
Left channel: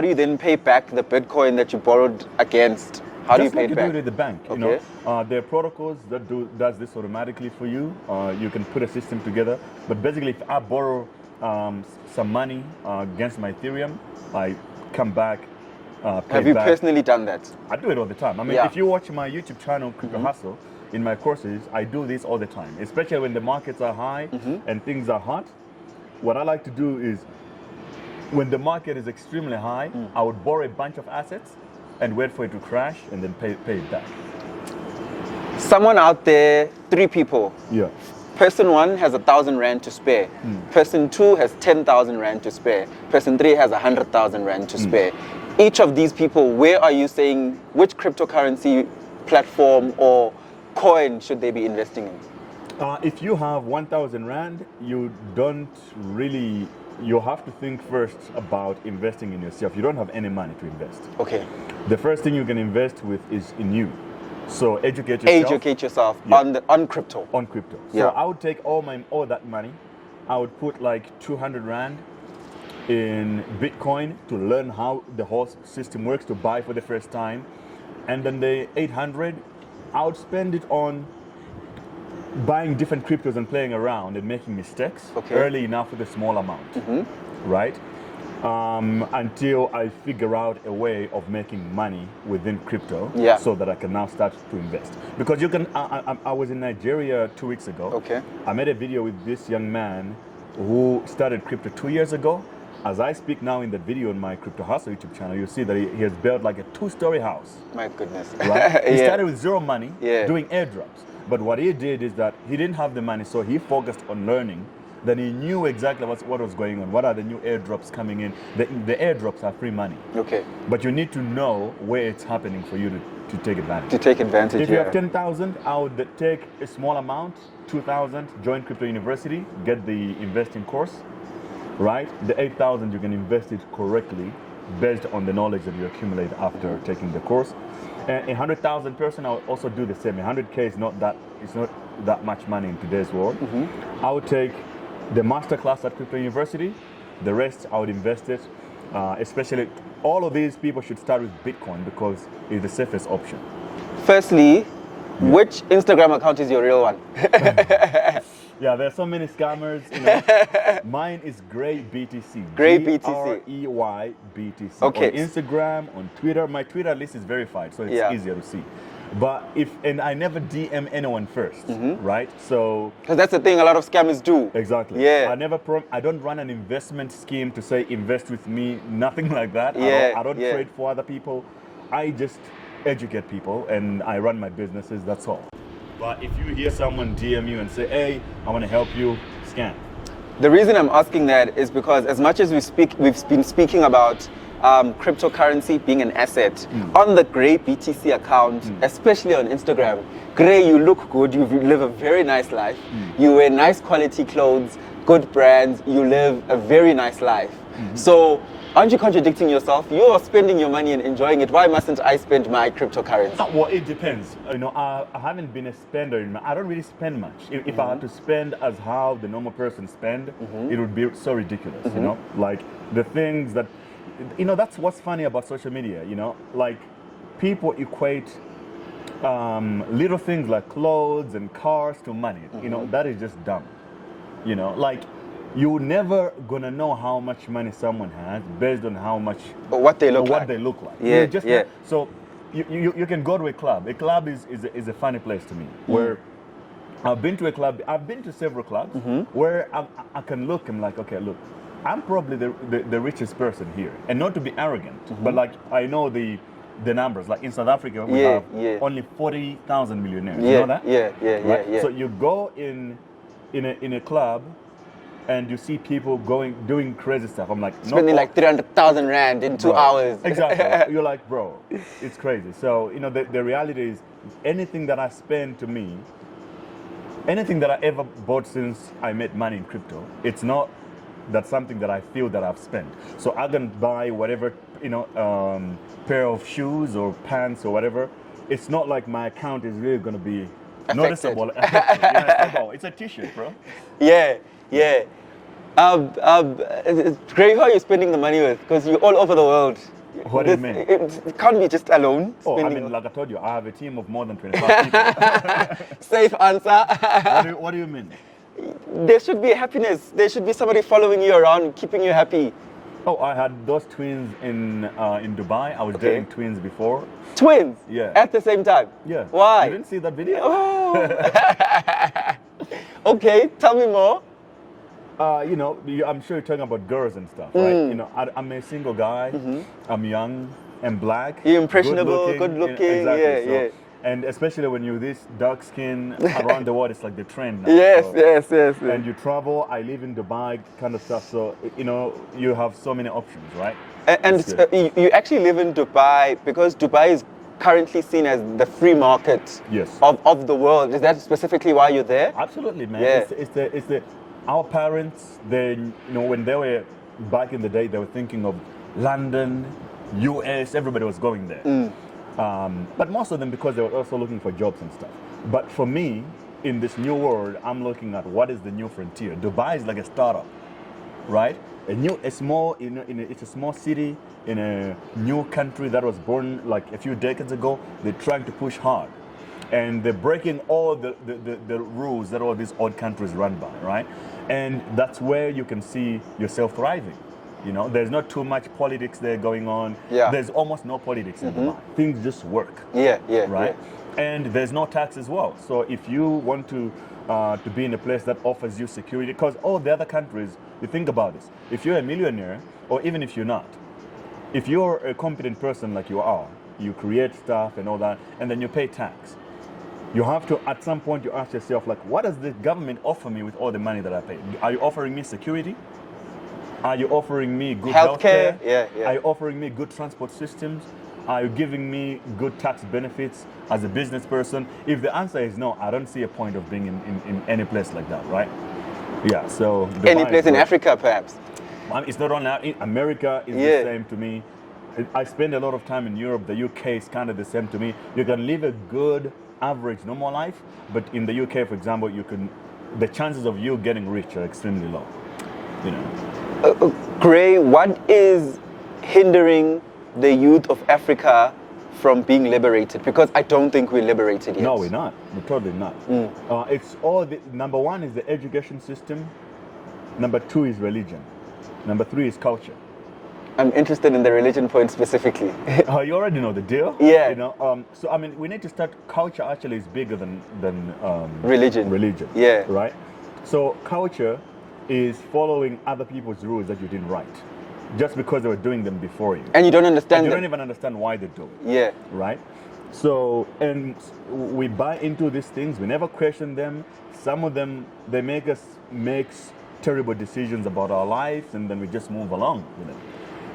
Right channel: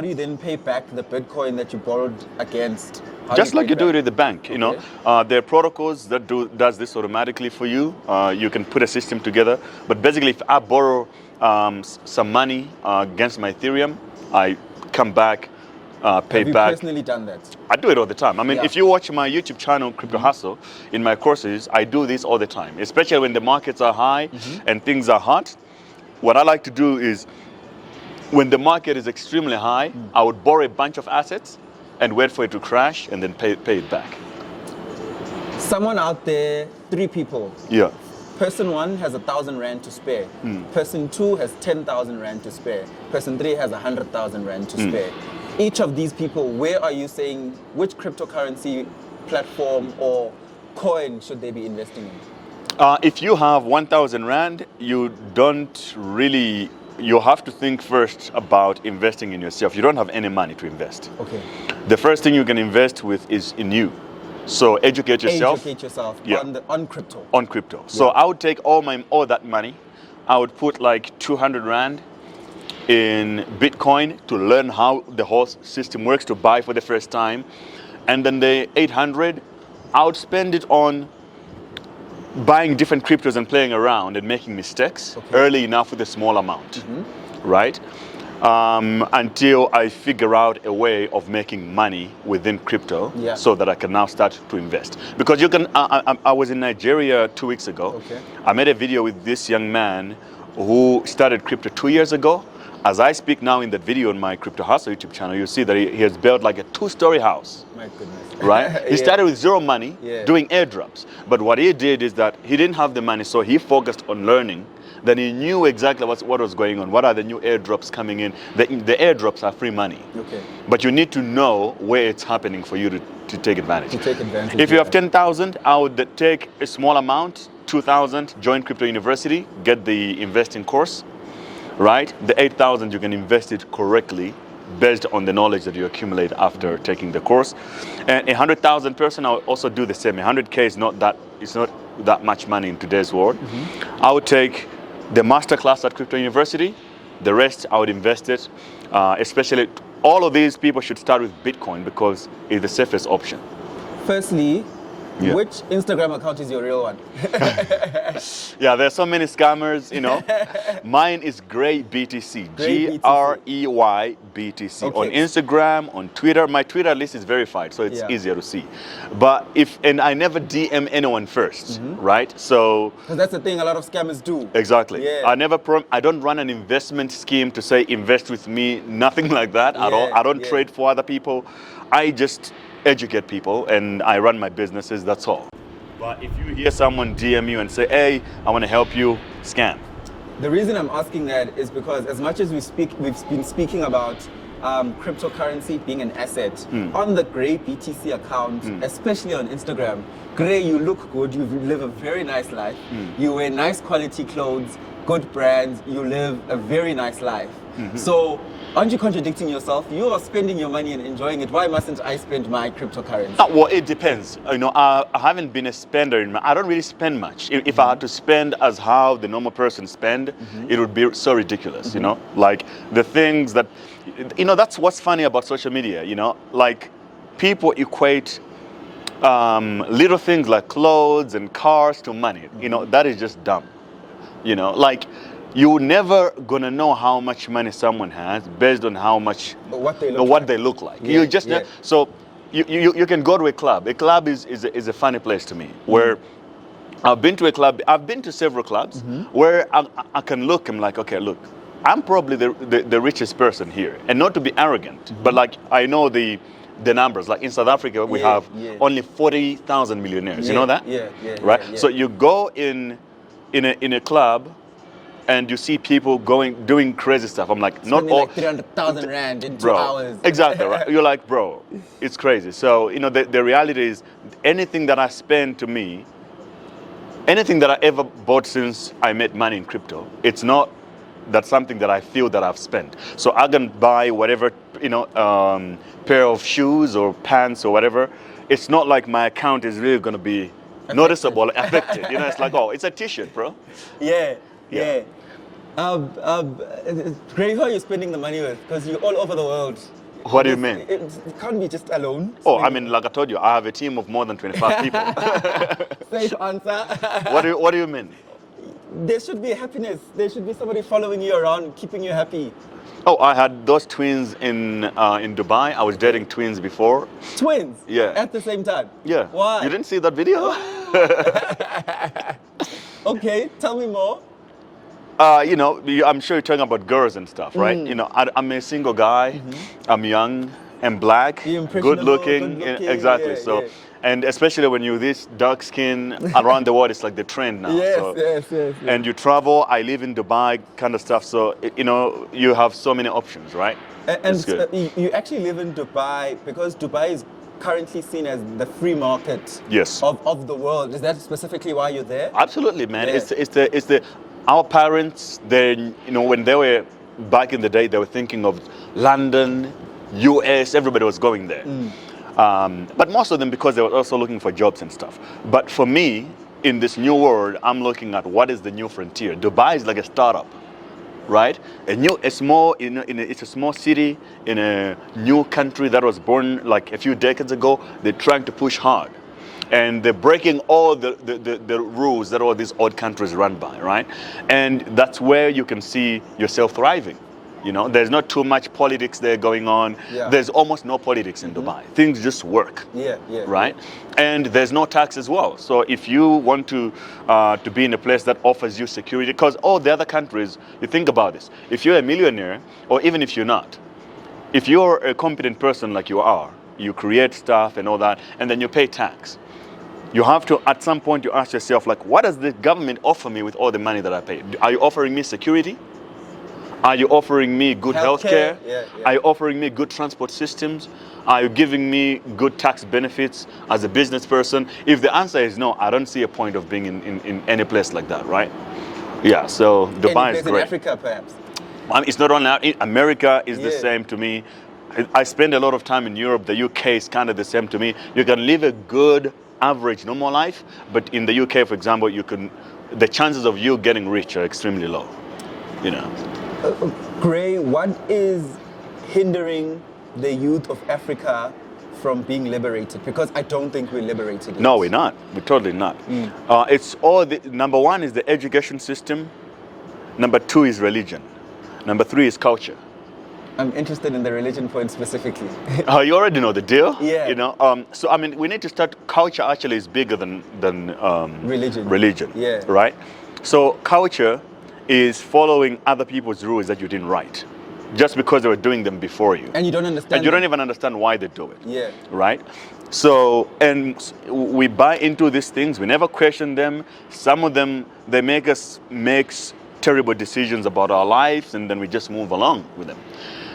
do you then pay back the Bitcoin that you borrowed against? Just like you do it at the bank, there are protocols that does this automatically for you. You can put a system together, but basically, if I borrow some money against my Ethereum, I come back, pay back. Have you personally done that? I do it all the time. I mean, if you watch my YouTube channel, Crypto Hustle, in my courses, I do this all the time, especially when the markets are high and things are hot. What I like to do is, when the market is extremely high, I would borrow a bunch of assets and wait for it to crash and then pay it back. Someone out there, 3 people. Yeah. Person 1 has 1,000 rand to spare. Person 2 has 10,000 rand to spare. Person 3 has 100,000 rand to spare. Each of these people, where are you saying, which cryptocurrency platform or coin should they be investing in? If you have 1,000 rand, you have to think first about investing in yourself. You don't have any money to invest. Okay. The first thing you can invest with is in you. So educate yourself. Educate yourself Yeah. on crypto. On crypto. So I would take all that money. I would put like 200 rand in Bitcoin to learn how the whole system works, to buy for the first time. And then the 800, I would spend it on buying different cryptos and playing around and making mistakes early enough with a small amount, right? Until I figure out a way of making money within crypto, so that I can now start to invest. Because you can, I was in Nigeria 2 weeks ago. Okay. I made a video with this young man who started crypto 2 years ago. As I speak now in that video on my Crypto Hustle YouTube channel, you see that he has built like a 2-story house. My goodness. Right? He started with zero money, doing airdrops. But what he did is that he didn't have the money, so he focused on learning. Then he knew exactly what was going on. What are the new airdrops coming in? The airdrops are free money. Okay. But you need to know where it's happening for you to take advantage. To take advantage. If you have 10,000, I would take a small amount, 2,000, join Crypto University, get the investing course. Right? The 8,000 you can invest it correctly based on the knowledge that you accumulate after taking the course. And 100,000 person, I would also do the same. 100K is not that much money in today's world. I would take the masterclass at Crypto University. The rest I would invest it. Especially all of these people should start with Bitcoin because it's the safest option. Firstly, which Instagram account is your real one? Yeah, there's so many scammers, you know. Mine is Grey BTC. Grey Grey BTC. Okay. On Instagram, on Twitter. My Twitter list is verified, so it's easier to see. But and I never DM anyone first, right? So Because that's the thing a lot of scammers do. exactly. Yeah. I don't run an investment scheme to say invest with me. Nothing like that at all. I don't trade for other people. I just educate people and I run my businesses, that's all. But if you hear someone DM you and say, hey, I want to help you, scam. The reason I'm asking that is because as much as we've been speaking about cryptocurrency being an asset, on the Grey BTC account, especially on Instagram, Grey, you look good, you live a very nice life, you wear nice quality clothes, good brands, you live a very nice life. So aren't you contradicting yourself? You are spending your money and enjoying it. Why mustn't I spend my cryptocurrency? Well, it depends. You know, I haven't been a spender. I don't really spend much. If I had to spend as how the normal person spend, it would be so ridiculous, you know? Like the things that, you know, that's what's funny about social media, you know? Like people equate little things like clothes and cars to money. You know, that is just dumb. You know, like you're never gonna know how much money someone has based on how much what they look like. Yeah, you just so you can go to a club. A club is a funny place to me where I've been to a club. I've been to several clubs where I can look. I'm like, okay, look, I'm probably the richest person here, and not to be arrogant, but like I know the numbers. Like in South Africa, we have only 40,000 millionaires. You know that? Right. So you go in a club. And you see people doing crazy stuff. I'm like, spending like 300,000 rand in 2 hours. Exactly. Right? You're like, bro, it's crazy. So, you know, the reality is anything that I spend to me, anything that I ever bought since I made money in crypto, it's not that's something that I feel that I've spent. So I can buy whatever, you know, pair of shoes or pants or whatever. It's not like my account is really going to be noticeable, affected. You know, it's like, oh, it's a t-shirt, bro. Yeah. Grey, who are you spending the money with? Because you're all over the world. What do you mean? It can't be just alone. Oh, I mean, like I told you, I have a team of more than 25 people. Safe answer. What do you mean? There should be happiness. There should be somebody following you around, keeping you happy. Oh, I had those twins in Dubai. I was dating twins before. Twins? Yeah. At the same time? Yeah. Why? You didn't see that video? Okay, tell me more. You know, I'm sure you're talking about girls and stuff, right? You know, I'm a single guy. I'm young and black. You're impressionable, good looking. good looking. Exactly. And especially when you're this dark skin around the world, it's like the trend now. Yes. And you travel, I live in Dubai, kind of stuff. So, you know, you have so many options, right? And you actually live in Dubai because Dubai is currently seen as the free market of the world. Is that specifically why you're there? Absolutely, man. Yeah. Our parents, when they were back in the day, they were thinking of London, US, everybody was going there. But most of them because they were also looking for jobs and stuff. But for me, in this new world, I'm looking at what is the new frontier. Dubai is like a startup, right? It's a small city in a new country that was born like a few decades ago. They're trying to push hard. And they're breaking all the rules that all these odd countries run by, right? And that's where you can see yourself thriving. You know, there's not too much politics there going on. Yeah. There's almost no politics in Dubai. Things just work. Right? And there's no tax as well. So if you want to be in a place that offers you security, because all the other countries, you think about this. If you're a millionaire, or even if you're not, if you're a competent person like you are, you create stuff and all that, and then you pay tax. You have to, at some point, you ask yourself, like, what does the government offer me with all the money that I pay? Are you offering me security? Are you offering me good healthcare? Are you offering me good transport systems? Are you giving me good tax benefits as a business person? If the answer is no, I don't see a point of being in any place like that, right? Yeah, so Dubai any place is great. in Africa, perhaps? It's not only America is the same to me. I spend a lot of time in Europe. The UK is kind of the same to me. You can live a good, average, normal life, but in the UK, for example, the chances of you getting rich are extremely low, you know. Gray, what is hindering the youth of Africa from being liberated? Because I don't think we're liberated yet. No, we're not. We're totally not. It's all number one is the education system. Number two is religion. Number three is culture. I'm interested in the religion point specifically. You already know the deal. Yeah. You know. So I mean, we need to start. Culture actually is bigger than religion. Religion. Yeah. Right. So culture is following other people's rules that you didn't write, just because they were doing them before you. And you don't understand. And you don't even understand why they do it. Yeah. Right. So, and we buy into these things. We never question them. Some of them, they make us make terrible decisions about our lives, and then we just move along with them.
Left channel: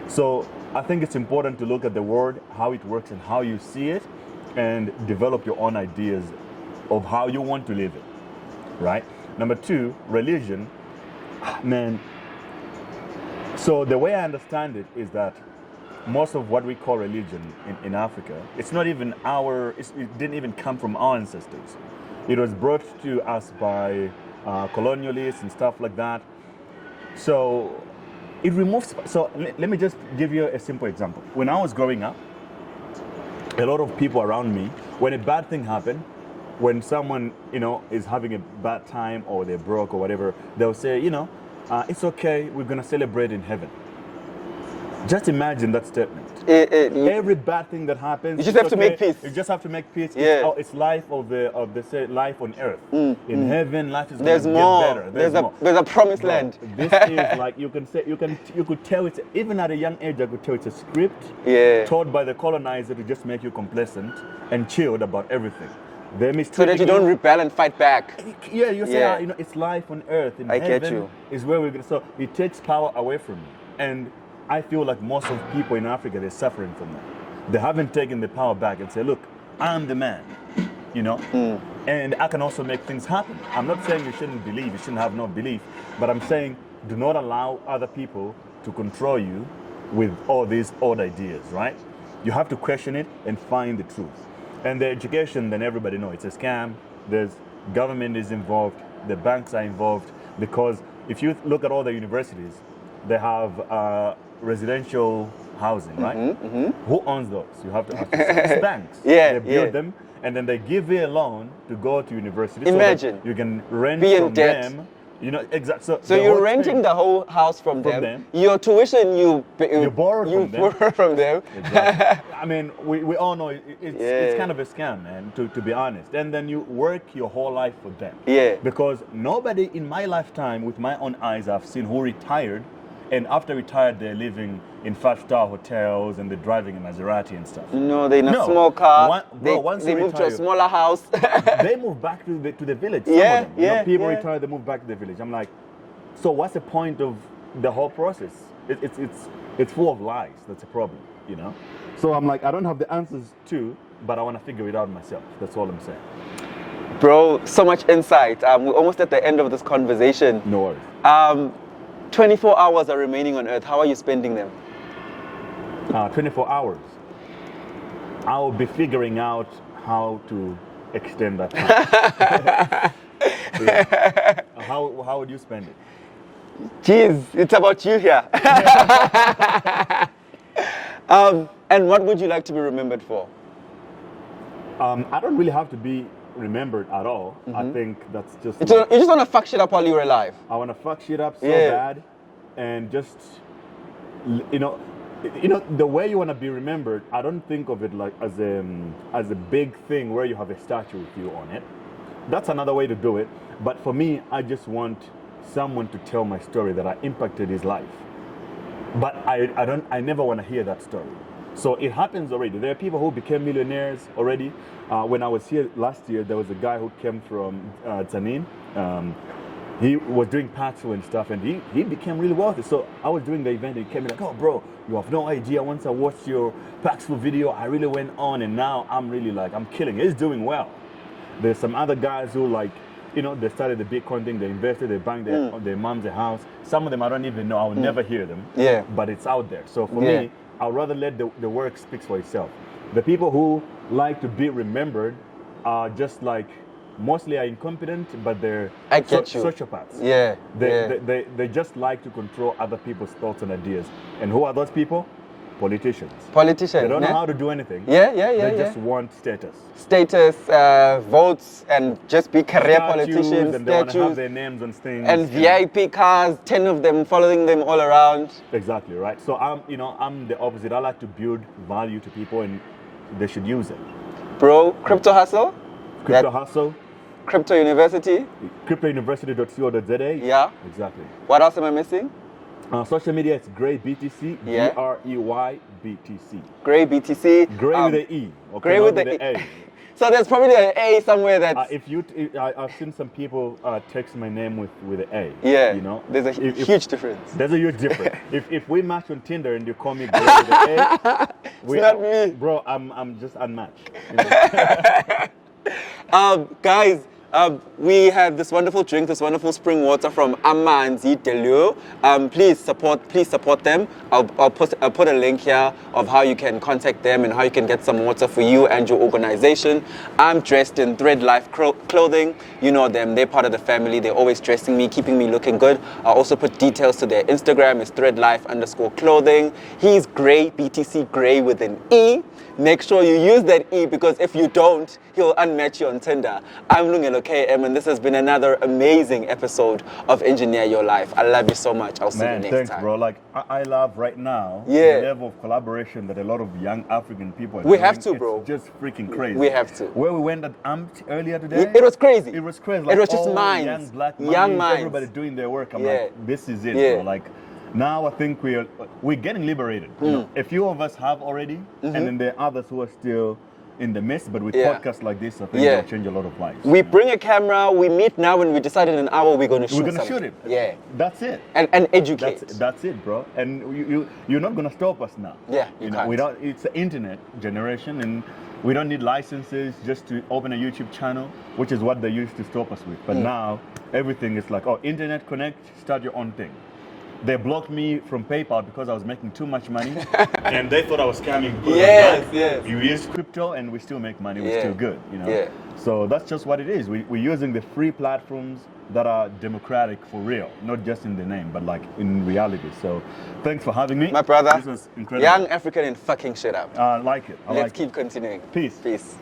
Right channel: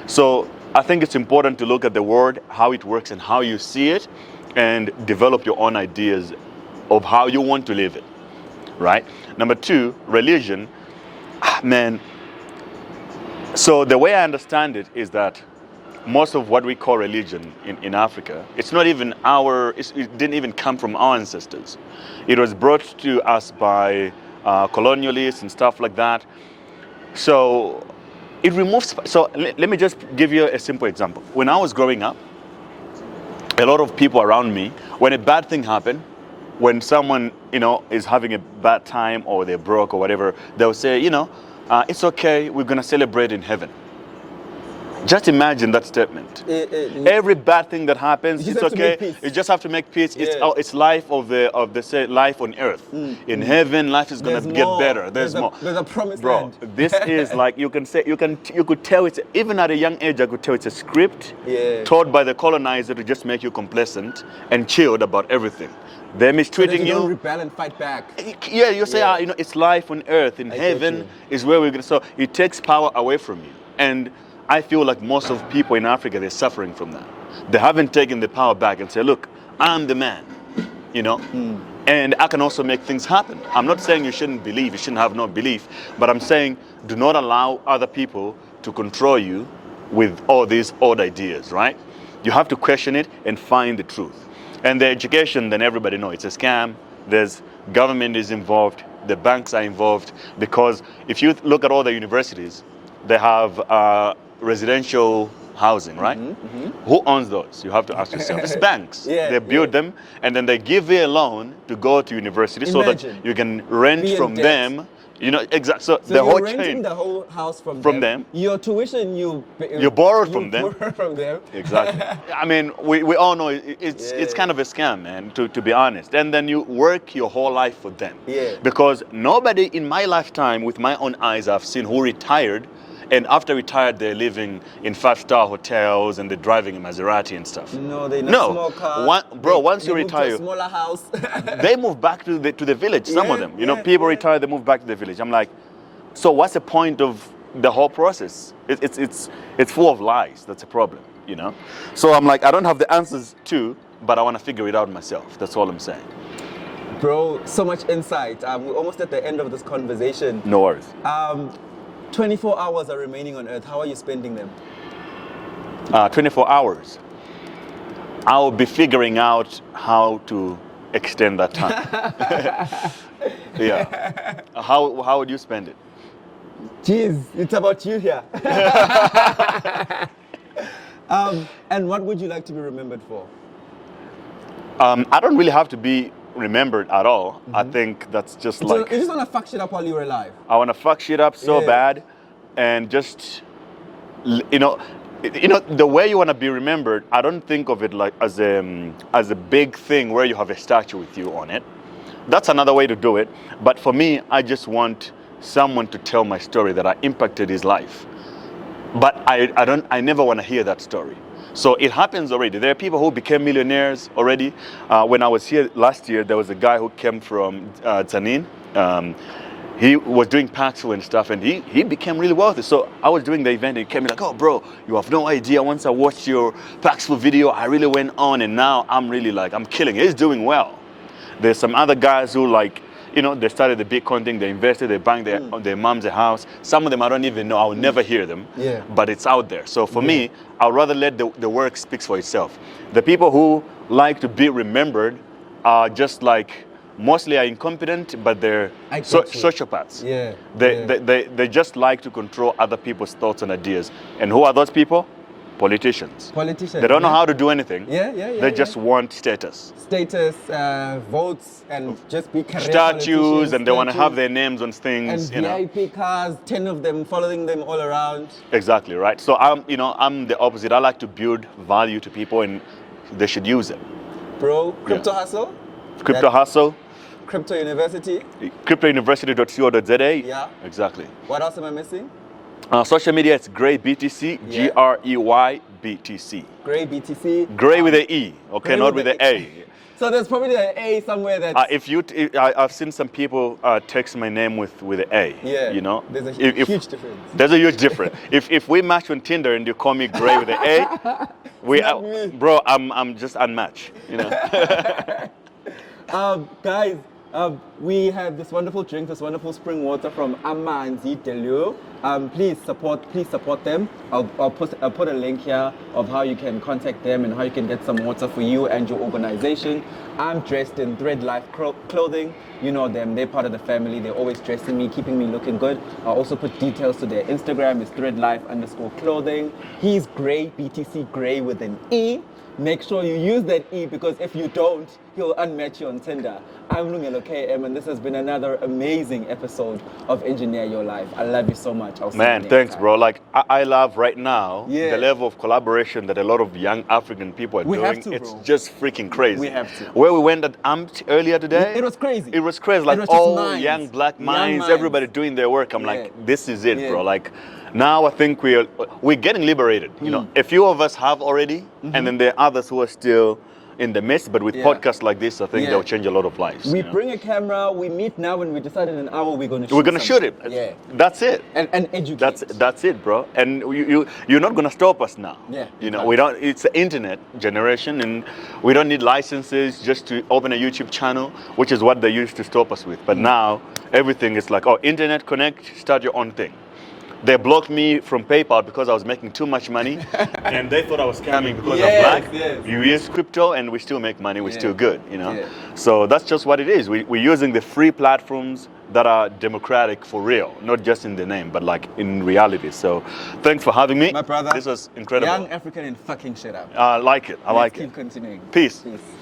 So I think it's important to look at the word, how it works and how you see it, and develop your own ideas of how you want to live it, right? Number two, religion. Man, so the way I understand it is that most of what we call religion in Africa, it's not even it didn't even come from our ancestors. It was brought to us by colonialists and stuff like that. So it removes, so let me just give you a simple example. When I was growing up, a lot of people around me, when a bad thing happened, when someone, you know, is having a bad time or they're broke or whatever, they'll say, you know, it's okay, we're gonna celebrate in heaven. Just imagine that statement. Every bad thing that happens, you just it's have okay. to make peace. You just have to make peace. Yeah. It's life say life on earth. In heaven, life is gonna get better. There's more. There's a promised land. This is like you could tell it's, even at a young age I could tell it's a script taught by the colonizer to just make you complacent and chilled about everything. They're mistreating so that you don't rebel and fight back. Yeah, you say, you know, it's life on earth. In heaven is where we're gonna. So it takes power away from you. And I feel like most of people in Africa, they're suffering from that. They haven't taken the power back and say, look, I'm the man, you know, and I can also make things happen. I'm not saying you shouldn't believe, you shouldn't have no belief, but I'm saying do not allow other people to control you with all these odd ideas, right? You have to question it and find the truth. And the education, then everybody knows it's a scam. There's government is involved, the banks are involved, because if you look at all the universities, they have residential housing, right? Who owns those? You have to ask yourself. It's banks. They build them, and then they give you a loan to go to university so that you can rent from them. You know, exactly. So you're renting the whole house from them. Your tuition, you borrowed from them. Borrow from them. Exactly. I mean, we all know it's kind of a scam, man, to be honest. And then you work your whole life for them. Yeah. Because nobody in my lifetime, with my own eyes, I've seen who retired And after retired, they're living in 5-star hotels and they're driving a Maserati and stuff. No, they're in a small car. Once you they move retire, to a smaller house. they move back to the village. Some of them, people retire, they move back to the village. I'm like, so what's the point of the whole process? It's full of lies. That's a problem, you know. So I'm like, I don't have the answers to, but I want to figure it out myself. That's all I'm saying. Bro, so much insight. We're almost at the end of this conversation. No worries. 24 hours are remaining on Earth. How are you spending them? 24 hours. I'll be figuring out how to extend that time. Yeah. How would you spend it? Jeez, it's about you here. And what would you like to be remembered for? I don't really have to be remembered at all. I think that's just like... You just want to fuck shit up while you were alive. I want to fuck shit up so bad, and just, you know, the way you want to be remembered, I don't think of it like as a big thing where you have a statue with you on it. That's another way to do it. But for me, I just want someone to tell my story that I impacted his life. But I never want to hear that story. So it happens already. There are people who became millionaires already. When I was here last year, there was a guy who came from Tanin. He was doing PATRON and stuff, and he became really wealthy. So I was doing the event, and he came like, oh, bro, you have no idea. Once I watched your Paxful video, I really went on, and now I'm really like, I'm killing it. He's doing well. There's some other guys who like, you know, they started the Bitcoin thing, they invested, they banged their mom's a house. Some of them I don't even know, I will never hear them, but it's out there. So for me, I'd rather let the work speak for itself. The people who like to be remembered are just like, mostly are incompetent, but they're sociopaths. They just like to control other people's thoughts and ideas. And who are those people? Politicians. They don't know how to do anything. They just want status. Status, votes, and just be career statues, and they want to have their names on things. And VIP cars, 10 of them following them all around. Exactly, right? So I'm the opposite. I like to build value to people, and they should use it. Bro, Crypto Hustle? Crypto Hustle. Crypto University? CryptoUniversity.co.za. Yeah. Exactly. What else am I missing? Social media, it's Grey BTC, Grey BTC. Grey BTC. Grey with the E, okay, not with the A. So there's probably an A somewhere that. I've seen some people text my name with the A. Yeah. You know, there's a huge difference. There's a huge difference. if we match on Tinder and you call me Grey with the A, bro, I'm just unmatched. You know. Guys. We have this wonderful drink, this wonderful spring water from Amanzi, Leau. Please support them. I'll put a link here of how you can contact them and how you can get some water for you and your organization. I'm dressed in Thread Life clothing. You know them, they're part of the family. They're always dressing me, keeping me looking good. I'll also put details to their Instagram. It's threadlife_clothing. He's Grey, BTC Grey with an E. Make sure you use that E, because if you don't, he'll unmatch you on Tinder. I'm Lungelo KM, and this has been another amazing episode of Engineer Your Life. I love you so much. I'll see you next thanks, time. bro. Like, I love right now the level of collaboration that a lot of young African people are doing. We have to, bro. It's just freaking crazy. We have to. Where we went at AMT earlier today. It was crazy. It was crazy. Like, it was just all minds. young black minds, everybody doing their work. I'm like, this is it, bro. Like, now I think we're getting liberated. You know, a few of us have already, and then there are others who are still in the midst. But with podcasts like this, I think they'll change a lot of lives. We bring a camera, we meet now, and we decide in an hour we're going to shoot. We're going to shoot it. Yeah, that's it. And educate. That's it, bro. And you're not going to stop us now. Yeah, you know, we don't. It's an internet generation, and we don't need licenses just to open a YouTube channel, which is what they used to stop us with. But now everything is like, oh, internet connect, start your own thing. They blocked me from PayPal because I was making too much money, and they thought I was scamming because I'm black. We use crypto and we still make money. We're still good, you know. So that's just what it is. We're using the free platforms that are democratic for real, not just in the name, but like in reality. So thanks for having me, my brother. This was incredible. Young African and fucking shit up. I like it. I like it. Let's keep continuing. Peace. Peace.